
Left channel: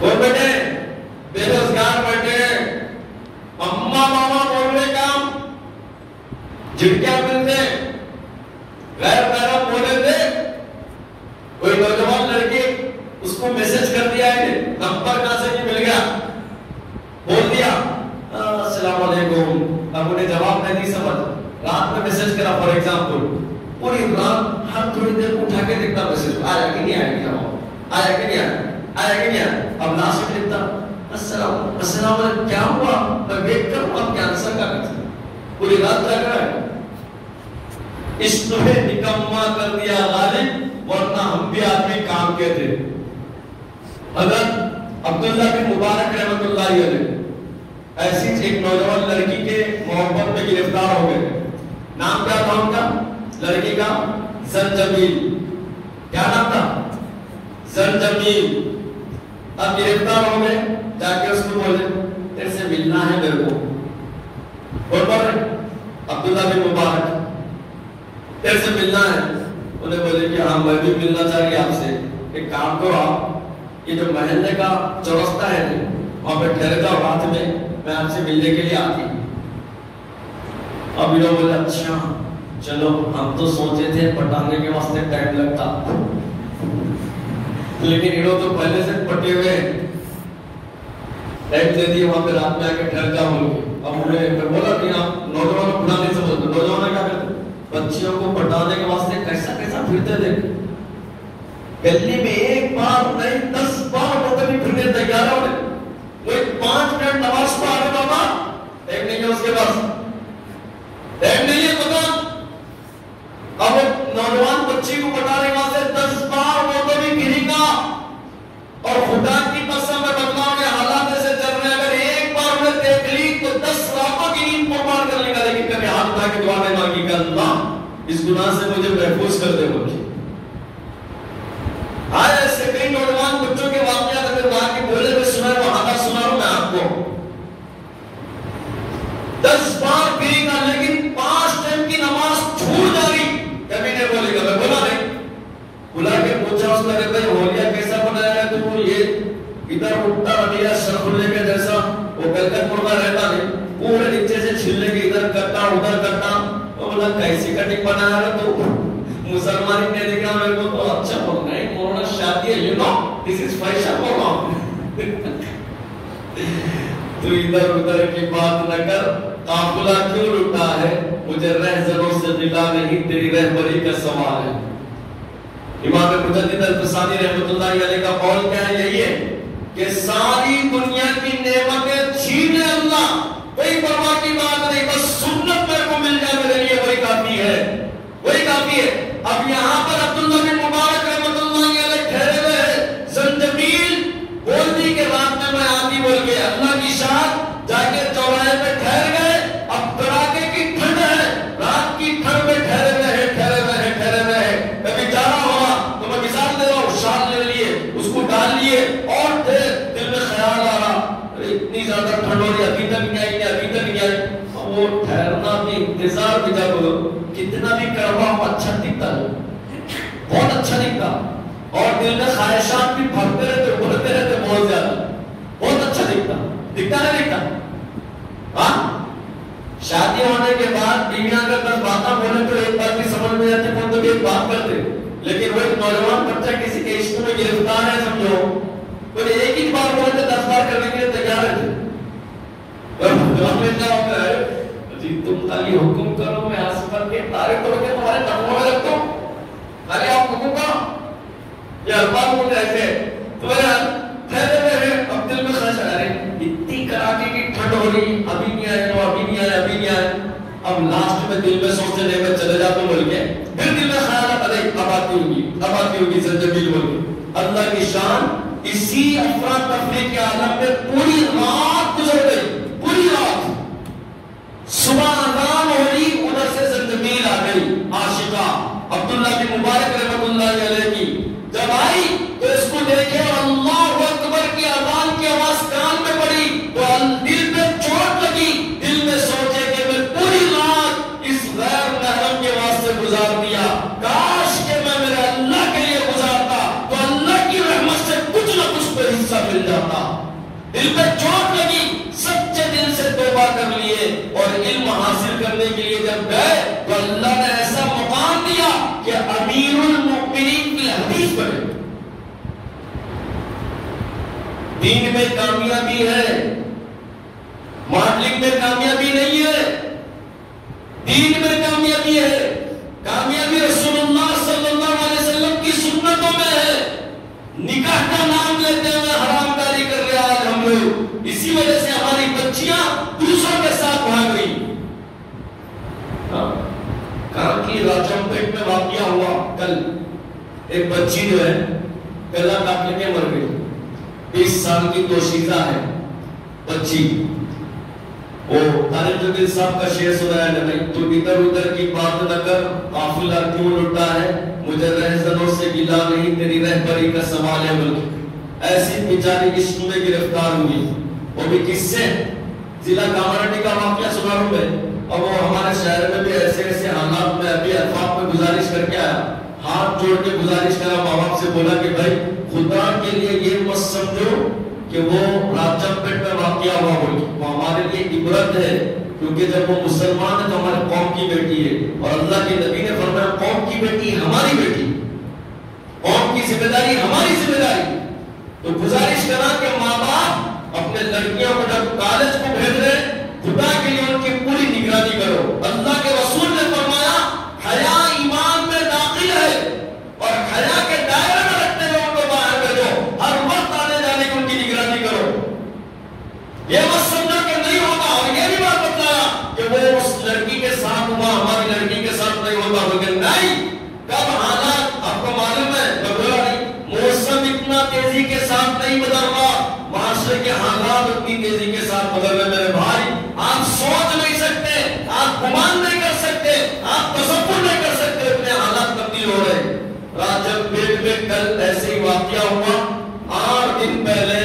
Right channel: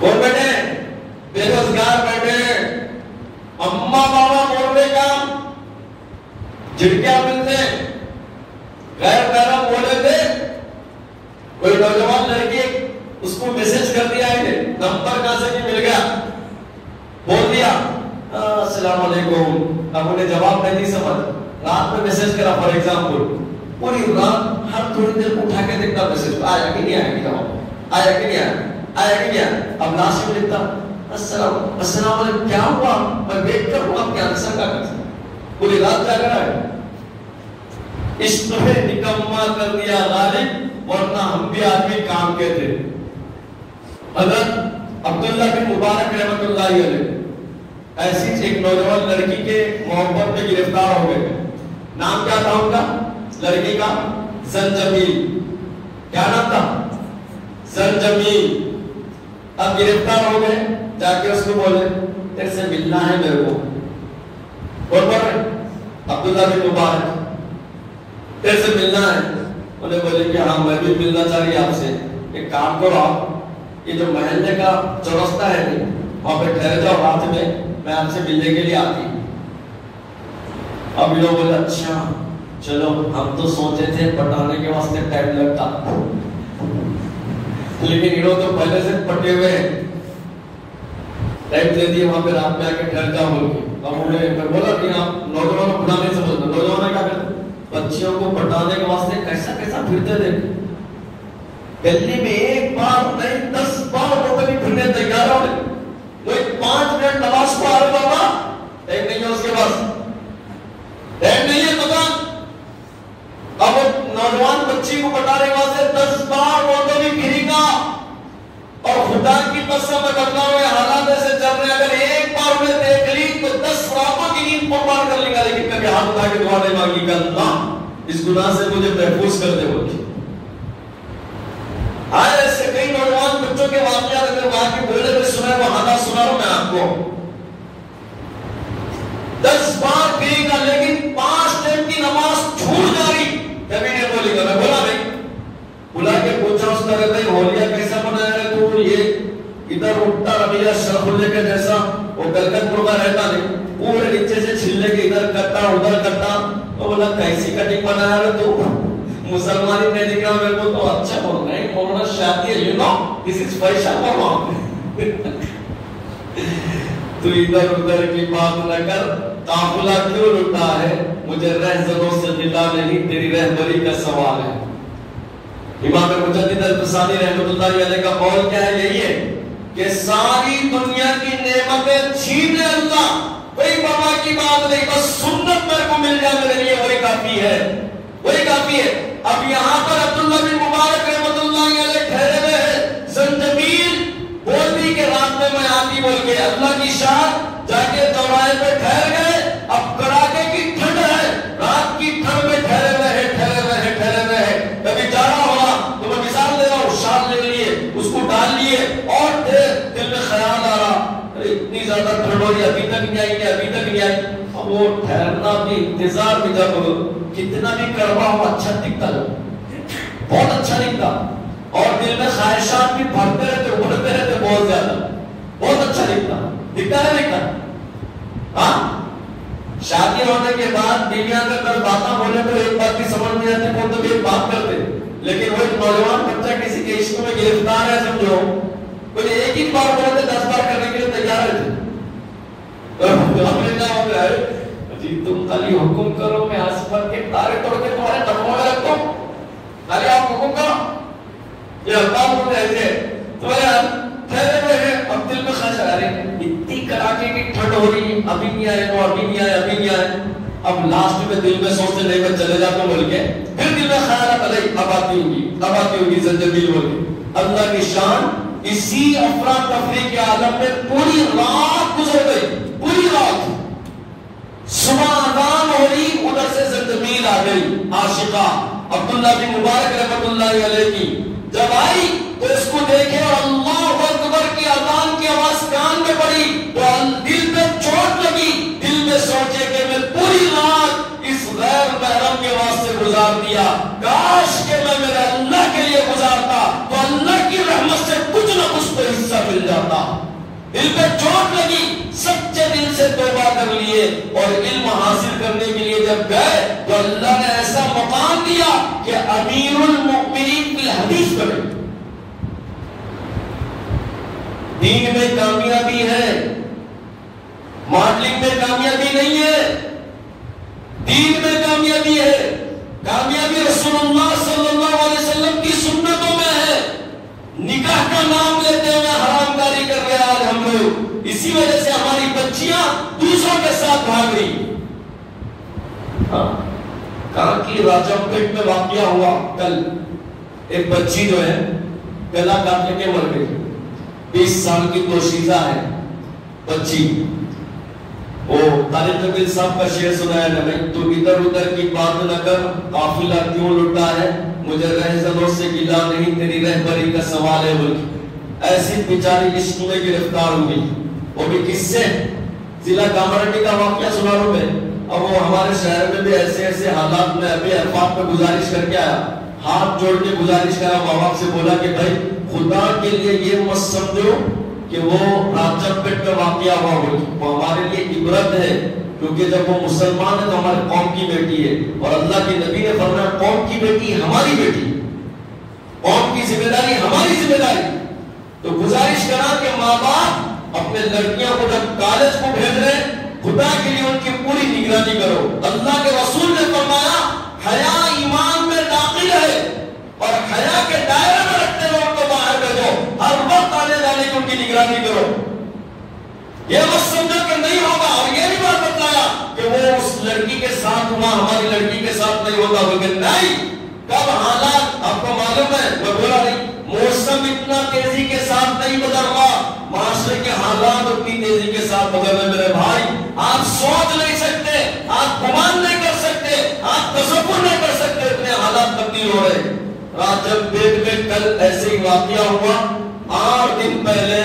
کون بیٹھے؟ بے روزگار بیٹھے ہیں. اماں بابا بول رہے کام جھٹکیاں ملتے, غیر محرم بولے تھے. کوئی نوجوان لڑکی اس کو میسج کر دیا ہے, نمبر کہاں سے نہیں مل گیا, بول دیا السلام علیکم. اب انہیں جواب نہیں دی سمجھ, رات میں میسج کرا فار ایگزامپل, پوری رات ہر تھوڑی دیر اٹھا کے دیکھتا میسج آیا کہ نہیں آیا, جواب آیا کہ نہیں آیا, آیا کہ نہیں آیا. اب ناصر لکھتا السلام علیکم, کیا ہوا, میں ویٹ کر رہا ہوں آپ کے آنسر کا کرتے. پوری رات کیا کرا ہے, عشق میں نکما کر دیا غالب, ورنہ ہم بھی آدمی کام کے تھے. حضرت عبداللہ بن مبارک رحمۃ اللہ علیہ ایسی ایک نوجوان لڑکی کے محبت میں گرفتار ہو گئے. نام کیا تھا ان کا لڑکی کا؟ زنجبیل. کیا نام تھا؟ زنجبیل. اب گرفتار ہو گئے, جا کے اس کو بولے تیرے سے ملنا ہے میرے کو. اور بولے عبداللہ بن مبارک تیرے سے ملنا ہے. انہیں بولے کہ ہاں میں بھی ملنا چاہیے آپ سے. ایک کام کرو, آپ یہ جو محلے کا چوراستہ ہے وہاں پہ ٹھہر جاؤ, رات میں آپ سے ملنے کے لیے آتی. اب یہ لوگ بولے اچھا چلو, ہم تو سوچے تھے پٹانے کے واسطے ٹائم لگتا, لیکن یہ لوگ تو پہلے سے پٹے ہوئے ہیں, ٹائم دے دیے وہاں پہ رات میں آ کے ٹھہر جاؤ بول کے. اب انہیں بولا کہ آپ نوجوانوں کو پڑھا نہیں سمجھتے, نوجوانوں کیا کرتے بچیوں کو پٹانے کے واسطے کیسا کیسا پھرتے دیکھ. گلی میں ایک بار نہیں 10 بار وہ کبھی پھرنے تیار ہو گئے. وہ 5 منٹ نماز پڑھ رہا ہوگا, دعائیں مانگی کہ اللہ اس گناہ سے مجھے محفوظ کر دے مجھے. آج ایسے کئی نوجوان بچوں کے واقعات اگر وہاں کے بولے میں سنا ہے وہ حالات سنا رہا ہوں میں آپ کو. 10 بار گری گا لیکن 5 ٹائم کی نماز چھوٹ جا رہی کبھی نہیں بولے گا. میں بولا نہیں, بلا کے پوچھا اس نے بھائی ہولیا کیسا بنایا ہے تو یہ ادھر اٹھتا رہا شرف اللہ کے جیسا وہ کلکت پور میں رہتا نہیں پورے نیچے سے چھلنے کے ادھر کرتا ادھر کرتا. تو بولا کیسی کٹنگ بنایا ہے تو مسلمانی نے دیکھا میرے کو تو اچھا بول رہے ہیں مولانا شادی ہے you know this is fashion بول رہا ہوں. تو ادھر ادھر کی بات نہ کر, قافلہ کیوں لٹا ہے مجھے رہزنوں سے ملا نہیں تیری رہبری کا سوال ہے. امام مجدد الفسانی رحمۃ اللہ علیہ کا قول کیا ہے یہی ہے کہ ساری دنیا کی نعمتیں چھینے اللہ کوئی پرواہ کی بات نہیں, بس سنت میرے کو مل جائے میرے لیے وہی کافی ہے, وہی کافی ہے. اب یہاں پر عبداللہ بن مبارک رحمۃ اللہ علیہ ٹھہرے ہوئے ہیں. زنجبیل بولتی کہ رات میں میں آتی بول کے اللہ کی شان جا کے چوراہے پہ ٹھہر گئے. اب کڑاکے کی ٹھنڈ ہے, رات کی ٹھنڈ میں ٹھہرے ہوئے ہیں. کبھی جانا ہوگا تو میں مثال دے رہا ہوں, شال لے لیے اس کو ڈال لیے اور دل میں خیال آ رہا اتنی زیادہ ٹھنڈ ہو رہی ابھی تک نہیں آئی کہ ابھی تک نہیں آئی. اب وہ ٹھہرنا بھی انتظار بھی جب کتنا بھی کڑوا ہو اچھا دکھتا ہے, بہت اچھا دکھتا, اور دل میں خواہشات بھی بھرتے رہتے بڑھتے رہتے بہت زیادہ, بہت اچھا دکھتا نہیں دکھتا. ہاں شادی ہونے کے بعد بیویاں اگر باتیں بولے تو ایک بات بھی سمجھ نہیں آتی کون تو ایک بات کرتے, لیکن وہ ایک نوجوان بچہ کسی کے عشق میں گرفتار ہے سمجھو وہ ایک ہی بار بولے تو 10 بار کرنے کے لیے تیار ہے. تم خالی حکم کرو میں آسمان کے تارے توڑ کے تمہارے نغموں میں رکھتا ہوں, خالی آپ حکم کرو. یہ اللہ بولتے ایسے تمہارے ٹھہرے ہوئے ہیں. اب دل میں خواہش آ رہی اتنی کڑاکے کی ٹھنڈ ہو رہی ابھی نہیں آئے تو ابھی نہیں آئے ابھی نہیں آئے. اب لاسٹ میں دل میں سوچتے لے کر چلے جاتا ہوں بول کے پھر دل میں خیال آتا ہے اب آتی ہوگی زنجبیل بول کے. اللہ کی شان اسی افراتفری کے عالم میں پوری رات گزر گئی, پوری رات. صبح اذان ہو رہی ادھر سے زنجبیل آ گئی عاشقہ عبداللہ بن مبارک رحمۃ اللہ علیہ کی. جب آئی تو اس کو دیکھے اور اللہ اکبر کی اذان کی آواز کان میں پڑی تو دل میں چوٹ لگی. دل میں سوچے کہ میں پوری رات اس غیر محرم کے واسطے گزار دیا, کاش کہ میں میرے اللہ کے لیے گزارتا تو اللہ کی رحمت سے کچھ نہ کچھ تو حصہ مل جاتا. دل میں چوٹ لگی, سچے دل سے توبہ کر لیے اور علم حاصل کرنے کے لیے جب گئے تو اللہ نے ایسا مقام دیا کہ امیر المؤمنین کی حدیث پڑھے. دین میں کامیابی ہے, ماڈلنگ میں کامیابی نہیں ہے, دین میں کامیابی ہے. کامیابی رسول اللہ صلی اللہ علیہ وسلم کی سنتوں میں ہے. نکاح کا نام لیتے ہوئے حرام کاری کر رہے ہیں ہم لوگ, اسی وجہ سے ہماری بچیاں دوسروں کے ساتھ بھاگ رہی. کہاں کی راجم پیٹ میں واقعہ ہوا کل, ایک بچی جو ہے گلا کاٹ کے مر گئی. 20 سال کی دوشیزہ ہے بچی. وہ طارق جمیل صاحب کا شعر سنایا نہیں تو ادھر ادھر کی بات نہ کر, قافلہ کیوں لٹا ہے مجھے رہزنوں سے گلا نہیں تیری رہبری کا سوال ہے. ملک ایسی بیچاری عشق میں گرفتار ہوئی, وہ بھی کس سے, ضلع کامرٹی کا واقعہ سنا رہا ہوں میں. اب وہ ہمارے شہر میں بھی ایسے ایسے حالات میں ابھی الفاظ میں گزارش کر کے آیا, ہاتھ جوڑ کے گزارش کرا ماں باپ سے, بولا کہ بھائی خدا کے لیے یہ مت سمجھو کہ وہ راجم پیٹ میں واقعہ ہوا ہو, وہ ہمارے لیے عبرت ہے کیونکہ جب وہ مسلمان ہے تو ہمارے قوم کی بیٹی ہے, اور اللہ کے نبی نے فرمایا قوم کی بیٹی ہماری بیٹی, قوم کی ذمہ داری ہماری ذمہ داری. تو گزارش کرا کہ ماں باپ اپنے لڑکیوں کو جب کالج کو بھیج رہے ہیں خدا کے لیے ان کی پوری نگرانی کرو. اللہ کے رسول نے فرمایا حیا ایمان میں داخل ہے اور حیا کے دائرے میں رکھتے ہوئے ان کو باہر بھیجو, ہر وقت آنے جانے کی ان کی نگرانی کرو. یہ بس سمجھا کہ نہیں ہوگا, اور یہ بھی بات بتایا کہ وہ اس لڑکی کے ساتھ ہوا ہماری لڑکی کے ساتھ نہیں ہوگا, لیکن نہیں کب حالات آپ کو معلوم ہے. میں بولا نہیں موسم اتنا تیزی کے ساتھ نہیں بدل رہا, معاشرے کے حالات اتنی تیزی کے ساتھ بدل رہے. میرے بھائی آپ سوچ نہیں سکتے, آپ گمان نہیں کر سکتے کل ایسے ہی واقعہ ہوا. 8 دن پہلے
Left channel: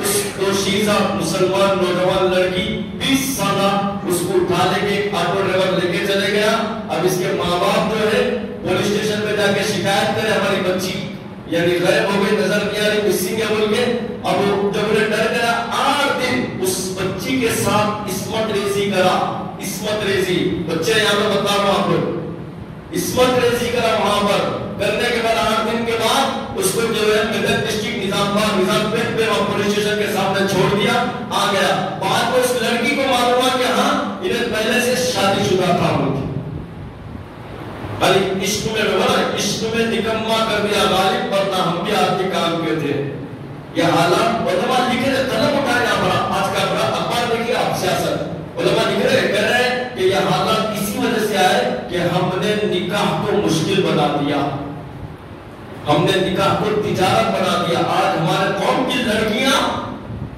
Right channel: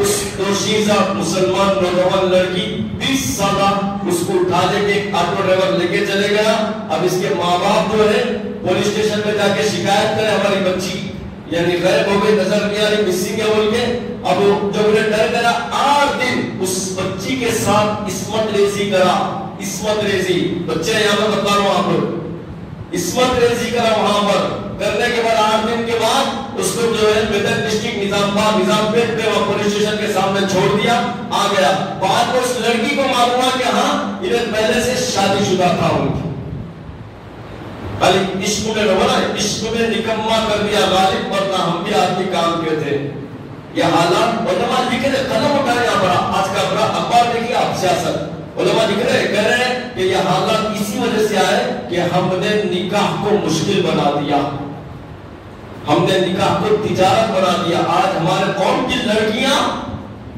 اس دوشیزہ مسلمان نوجوان لڑکی 20 سالہ اس کو اٹھا لے کے ایک آٹو ڈرائیور لے کے چلے گیا. اب اس کے ماں باپ جو ہے پولیس اسٹیشن پہ جا کے شکایت کرے ہماری بچی یعنی غائب ہو گئی, نظر نہیں آ رہی, مسنگ ہے بول کے. اب جب انہیں ڈر گیا 8 دن اس بچی کے ساتھ عصمت ریزی کرا. عصمت ریزی بچے یہاں پہ بتا رہا ہوں آپ کو, عصمت ریزی کرا وہاں پر. کرنے کے بعد 8 دن کے بعد اس کو جو ہے میدک ڈسٹرکٹ نظام پیٹ پہ پولیس اسٹیشن کے سامنے چھوڑ دیا, آ گیا. بعد میں اس لڑکی کو معلوم ہوا کہ ہاں انہیں پہلے سے شادی شدہ تھا ان کی. عشق میں لوگا نا, عشق میں نکما کر دیا غالب, ورنہ ہم بھی آپ کے کام کے تھے. یہ حالات علماء لکھ رہے, قلم اٹھایا بڑا آج کا بڑا اخبار دیکھیے آپ سیاست. علماء لکھ رہے کہہ رہے ہیں کہ یہ حالات اسی وجہ سے آئے کہ ہم نے نکاح کو مشکل بنا دیا, ہم نے نکاح کو تجارت بنا دیا. آج ہمارے قوم کی لڑکیاں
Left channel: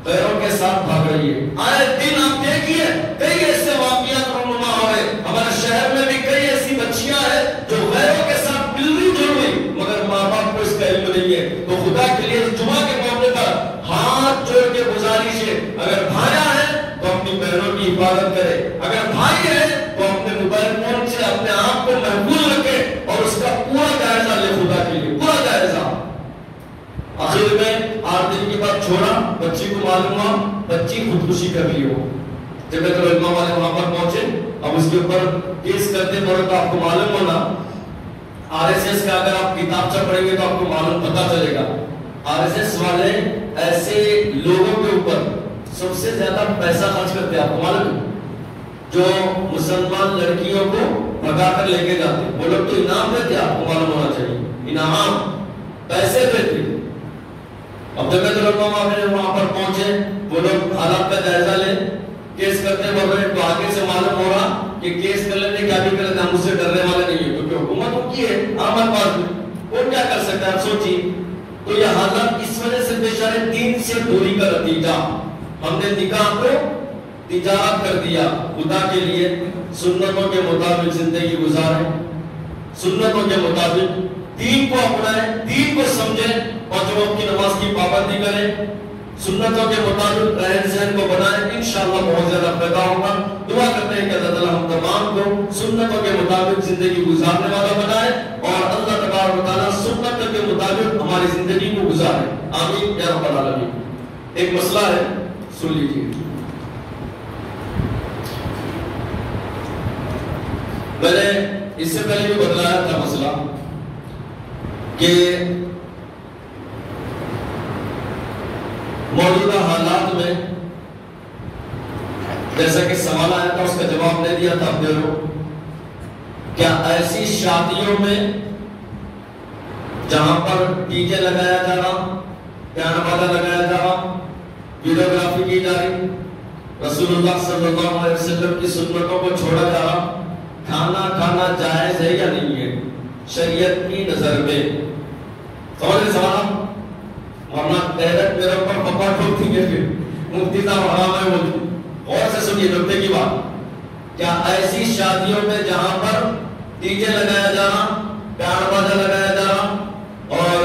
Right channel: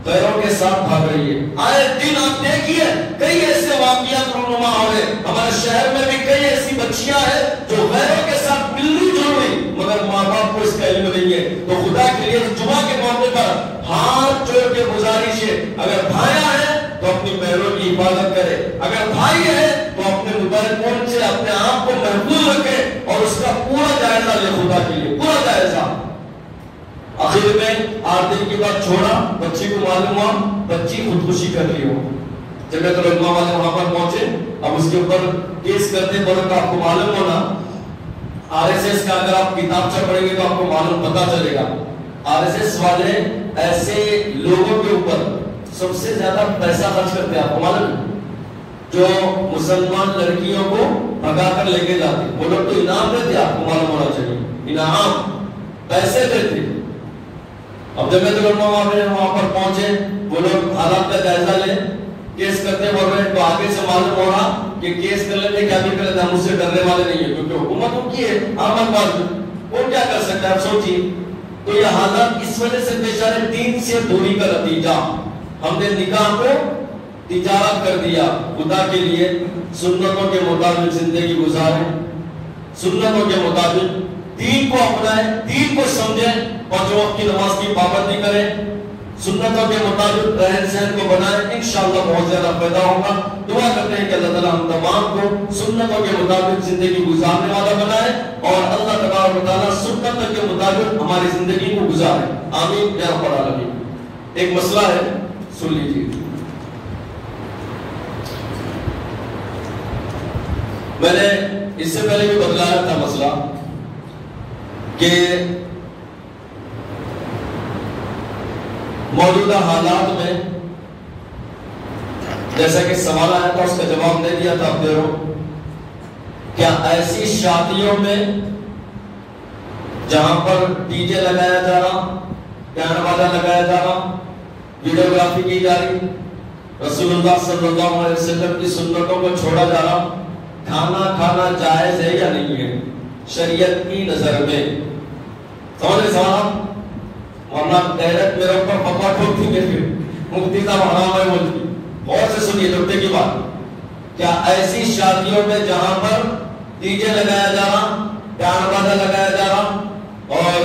غیروں کے ساتھ بھاگ رہی ہے. آئے دن آپ دیکھیے کئی ایسے واقعات رونما ہوئے. ہمارے شہر میں بھی کئی ایسی بچیاں ہیں جو غیروں کے ساتھ ملنی جل گئی مگر ماں باپ کو اس کا علم نہیں ہے. تو خدا کے لیے جمعہ کے موقع پر ہاتھ جوڑ کے گزارش ہے, اگر بھایا ہے تو اپنی بہنوں کی حفاظت کرے, اگر بھائی ہے تو اپنے موبائل فون سے اپنے آپ کو محفوظ رکھے اور اس کا پورا جائزہ لے, خدا کے لیے پورا جائزہ. آخر میں 8 دن کے بعد چھوڑا, بچی کو معلوم ہوا بچی خودکشی کر لی ہو. جب علماء والے وہاں پر پہنچے, اب اس کے اوپر کیس کرتے بڑوں کا آپ کو معلوم ہونا. RSS کا اگر آپ کتابچہ پڑھیں گے تو آپ کو معلوم پتہ چلے گا. RSS والے ایسے لوگوں کے اوپر سب سے زیادہ پیسہ خرچ کرتے ہیں, آپ کو معلوم ہے, جو مسلمان لڑکیوں کو بھگا کر لے کے جاتے. وہ لوگ تو انعام دیتے, آپ کو معلوم ہونا چاہیے, انعام پیسے دیتے. اب جب وہاں پر پہنچے, وہ لوگ حالات کا جائزہ لے, کیس کرتے بول رہے. تو آگے سے معلوم ہو رہا کہ کیس کر لینے کیا بھی کر لیتے, ہم اس سے ڈرنے والے نہیں ہیں کیونکہ حکومت ان کی ہے, ہمارے پاس بھی وہ کیا کر سکتا ہے. آپ سوچیے. تو یہ حالات اس وجہ سے پیش آ رہے, دین سے دوری کا نتیجہ. ہم نے نکاح کو تجارت کر دیا. خدا کے لیے سنتوں کے مطابق زندگی گزاریں, سنتوں کے مطابق دین کو اپنائیں, دین کو سمجھیں, 5 وقت کی نماز کی پابندی کریں, سنتوں کے مطابق رہن سہن کو بنائیں. انشاءاللہ بہت زیادہ پیدا ہوگا. دعا کرتے ہیں کہ اللہ تعالیٰ ہم تمام کو سنتوں کے مطابق زندگی گزارنے والا بنائے اور اللہ تبارک و تعالیٰ سنتوں کے مطابق ہماری زندگی کو گزارے. آمین یا رب العالمین. ایک مسئلہ ہے, سن لیجیے. میں نے اس سے پہلے بھی بتلایا تھا مسئلہ کہ موجودہ حالات میں جیسا کہ سوال آیا تھا اس کا جواب نہیں دیا تھا اپنے لوگ, کیا ایسی شادیوں میں جہاں پر ڈی جے لگایا جا رہا, گانا والا لگایا جا رہا, ویڈیوگرافی کی جا رہی, رسول اللہ صلی اللہ علیہ وسلم کی سنتوں کو چھوڑا جا رہا, کھانا جائز ہے یا نہیں ہے شریعت کی نظر میں؟ سمجھے صاحب, ورنہ غیرت میرے اوپر پپا ٹھوکتی ہے پھر مفتی صاحب حرام ہے بولتی. اور سے سنیے نکتے کی بات. کیا ایسی شادیوں میں جہاں پر ڈی جے لگایا جا رہا, گانا بازا لگایا جا رہا اور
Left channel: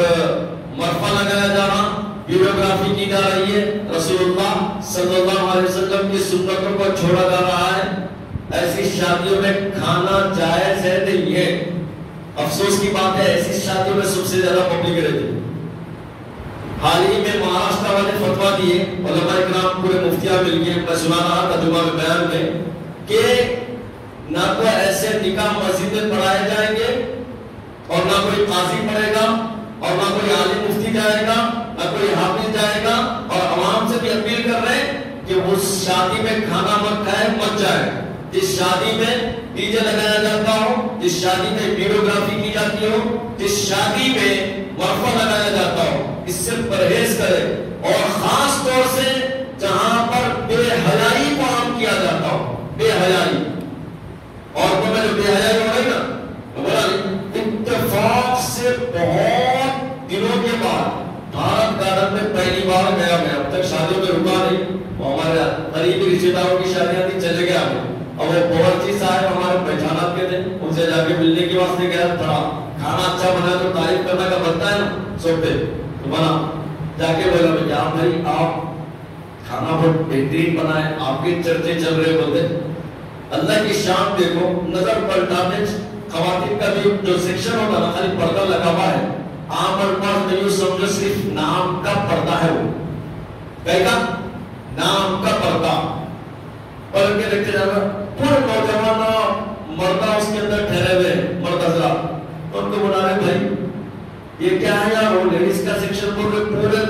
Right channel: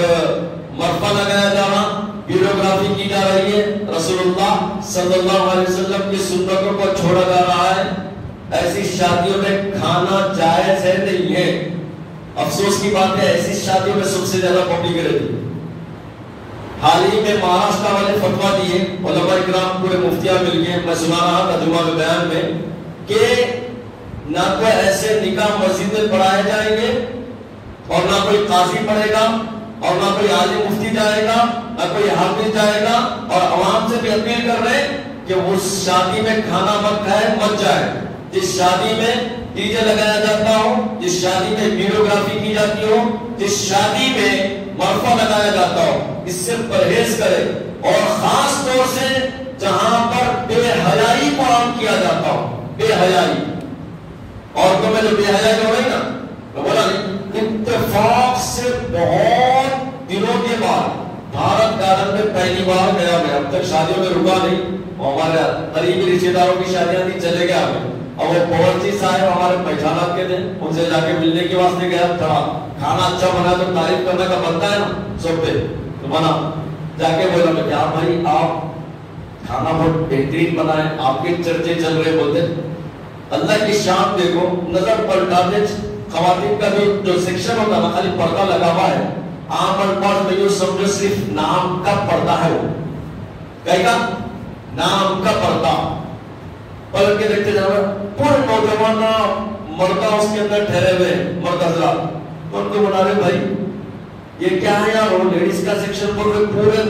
مرفا لگایا جا رہا, ویڈیوگرافی کی جا رہی ہے, رسول اللہ صلی اللہ علیہ وسلم کی سنتوں کو چھوڑا جا رہا ہے, ایسی شادیوں میں کھانا جائز ہے نہیں ہے؟ افسوس کی بات ہے ایسی شادیوں میں سب سے زیادہ پبلک رہتی ہے. حال ہی میں مہاراشٹر والے فتویٰ دیے, علماء اکرام پورے مفتیاں مل گئے. میں سنا رہا تھا جمعہ کے بیان میں کہ نہ تو ایسے نکاح مسجد میں پڑھائے جائیں گے اور نہ کوئی قاضی پڑھے گا اور نہ کوئی عالم مفتی جائے گا, نہ کوئی حافظ جائے گا. اور عوام سے بھی اپیل کر رہے ہیں کہ اس شادی میں کھانا مت کھائے, مت جائے. جس شادی میں ڈی جے لگایا جاتا ہو, جس شادی میں ویڈیوگرافی کی جاتی ہو, جس شادی میں مرفا لگایا جاتا ہو, اس سے پرہیز کرے. اور خاص طور سے جہاں پر بے حیائی کو عام کیا جاتا ہو, بے حیائی. عورتوں میں جو بے حیائی ہو رہی نا, اتفاق سے بہت دنوں کے بعد بھارت گارڈن میں پہلی بار گیا میں. اب تک شادیوں میں رکا نہیں, ہمارے قریبی رشتے داروں کی شادیاں تھی, چلے گیا ہمیں. اور وہ باورچی صاحب ہمارے پہچانات کے تھے, ان سے جا کے ملنے کے واسطے گیا تھا. کھانا اچھا بنا تو تعریف کرنے کا بنتا ہے نا سب پہ تو بنا جا کے بولا میں کیا بھائی آپ کھانا بہت بہترین بنا ہے آپ کے چرچے چل رہے بولتے اللہ کی شان دیکھو نظر پلٹانے خواتین کا جو سیکشن ہوتا نا خالی پردہ لگا ہوا ہے عام الفاظ میں یوں سمجھو صرف نام کا پردہ ہے وہ کہے گا نام کا پردہ پلٹ کے دیکھتے جا رہا پورے نوجوان مردہ اس کے اندر ٹھہرے ہوئے مرد حضرات ان کو بنا رہے بھائی یہ کیا ہے یار وہ لیڈیز کا سیکشن بول رہے پورے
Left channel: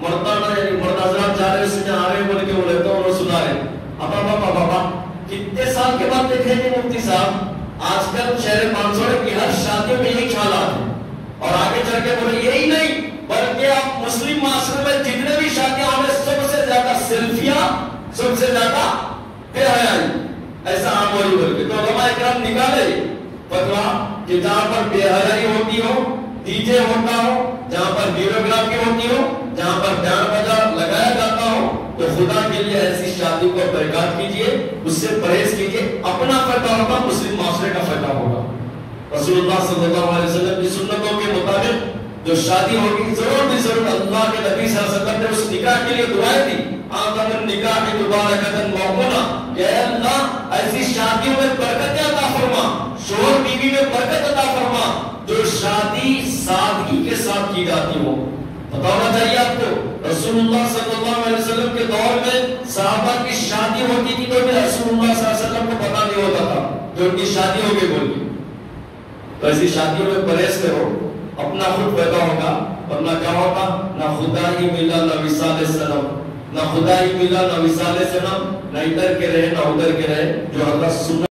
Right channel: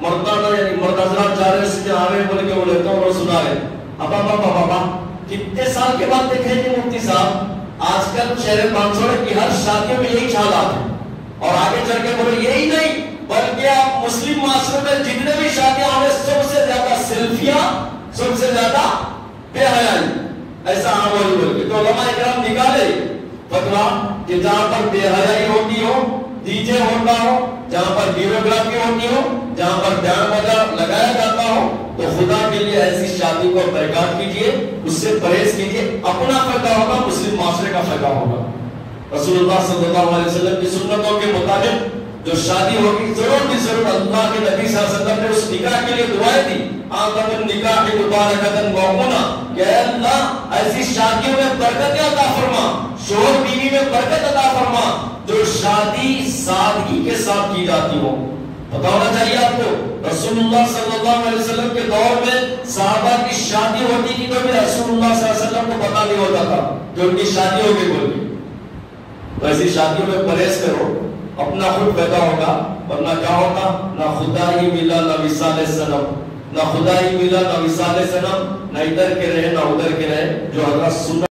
مردانہ یعنی مرد حضرات جا رہے اس میں آ رہے بول کے بولے تو اور سنا رہے ابا بابا بابا کتنے سال کے بعد دیکھیں گے مفتی صاحب آج کل شہر مانسوڑے کی ہر شادی میں یہی خیالات ہیں اور آگے چل کے بولے یہی نہیں بلکہ آپ مسلم معاشرے میں جتنے بھی شادیاں ہونے سب سے زیادہ سیلفیاں سب سے زیادہ بے حیائی ایسا عام ہوئی بول کے تو علماء اکرام نکالے فتوا کہ جہاں پر بے حیائی ہوتی ہو ڈی جے ہوتا ہو جہاں پر ویڈیوگرافی ہوتی ہو جہاں پر بیان بجا لگایا جاتا ہو تو خدا کے لیے ایسی شادی کو برباد کیجئے اس سے پرہیز کیجئے اپنا فائدہ ہوگا مسلم معاشرے کا فائدہ ہوگا رسول اللہ صلی اللہ علیہ وسلم کی سنتوں کے مطابق جو شادی ہوگی ضرور بھی ضرور اللہ کے نبی صلی اللہ علیہ وسلم نے اس نکاح کے لیے دعائیں دی آدم النکاح مبارکتن موقونا کہ اے اللہ ایسی شادیوں میں برکت عطا فرما شوہر بیوی میں برکت عطا فرما جو شادی سادگی کے ساتھ کی جاتی ہو پتہ ہونا چاہیے آپ کو رسول اللہ صلی اللہ علیہ وسلم کے دور میں صحابہ کی شادی ہوتی تھی تو بھی رسول اللہ صلی اللہ علیہ وسلم کو پتہ نہیں ہوتا تھا کہ ان کی شادی ہو گئی بول کے ایسی شادیوں میں پرہیز کرو اپنا خود پیدا ہوگا ورنہ کیا ہوگا نہ خدا ہی ملا نہ وصال صنم نہ خدا ہی ملا نہ وصال صنم نہ ادھر کے رہے نہ ادھر کے رہے جو حضرت سنت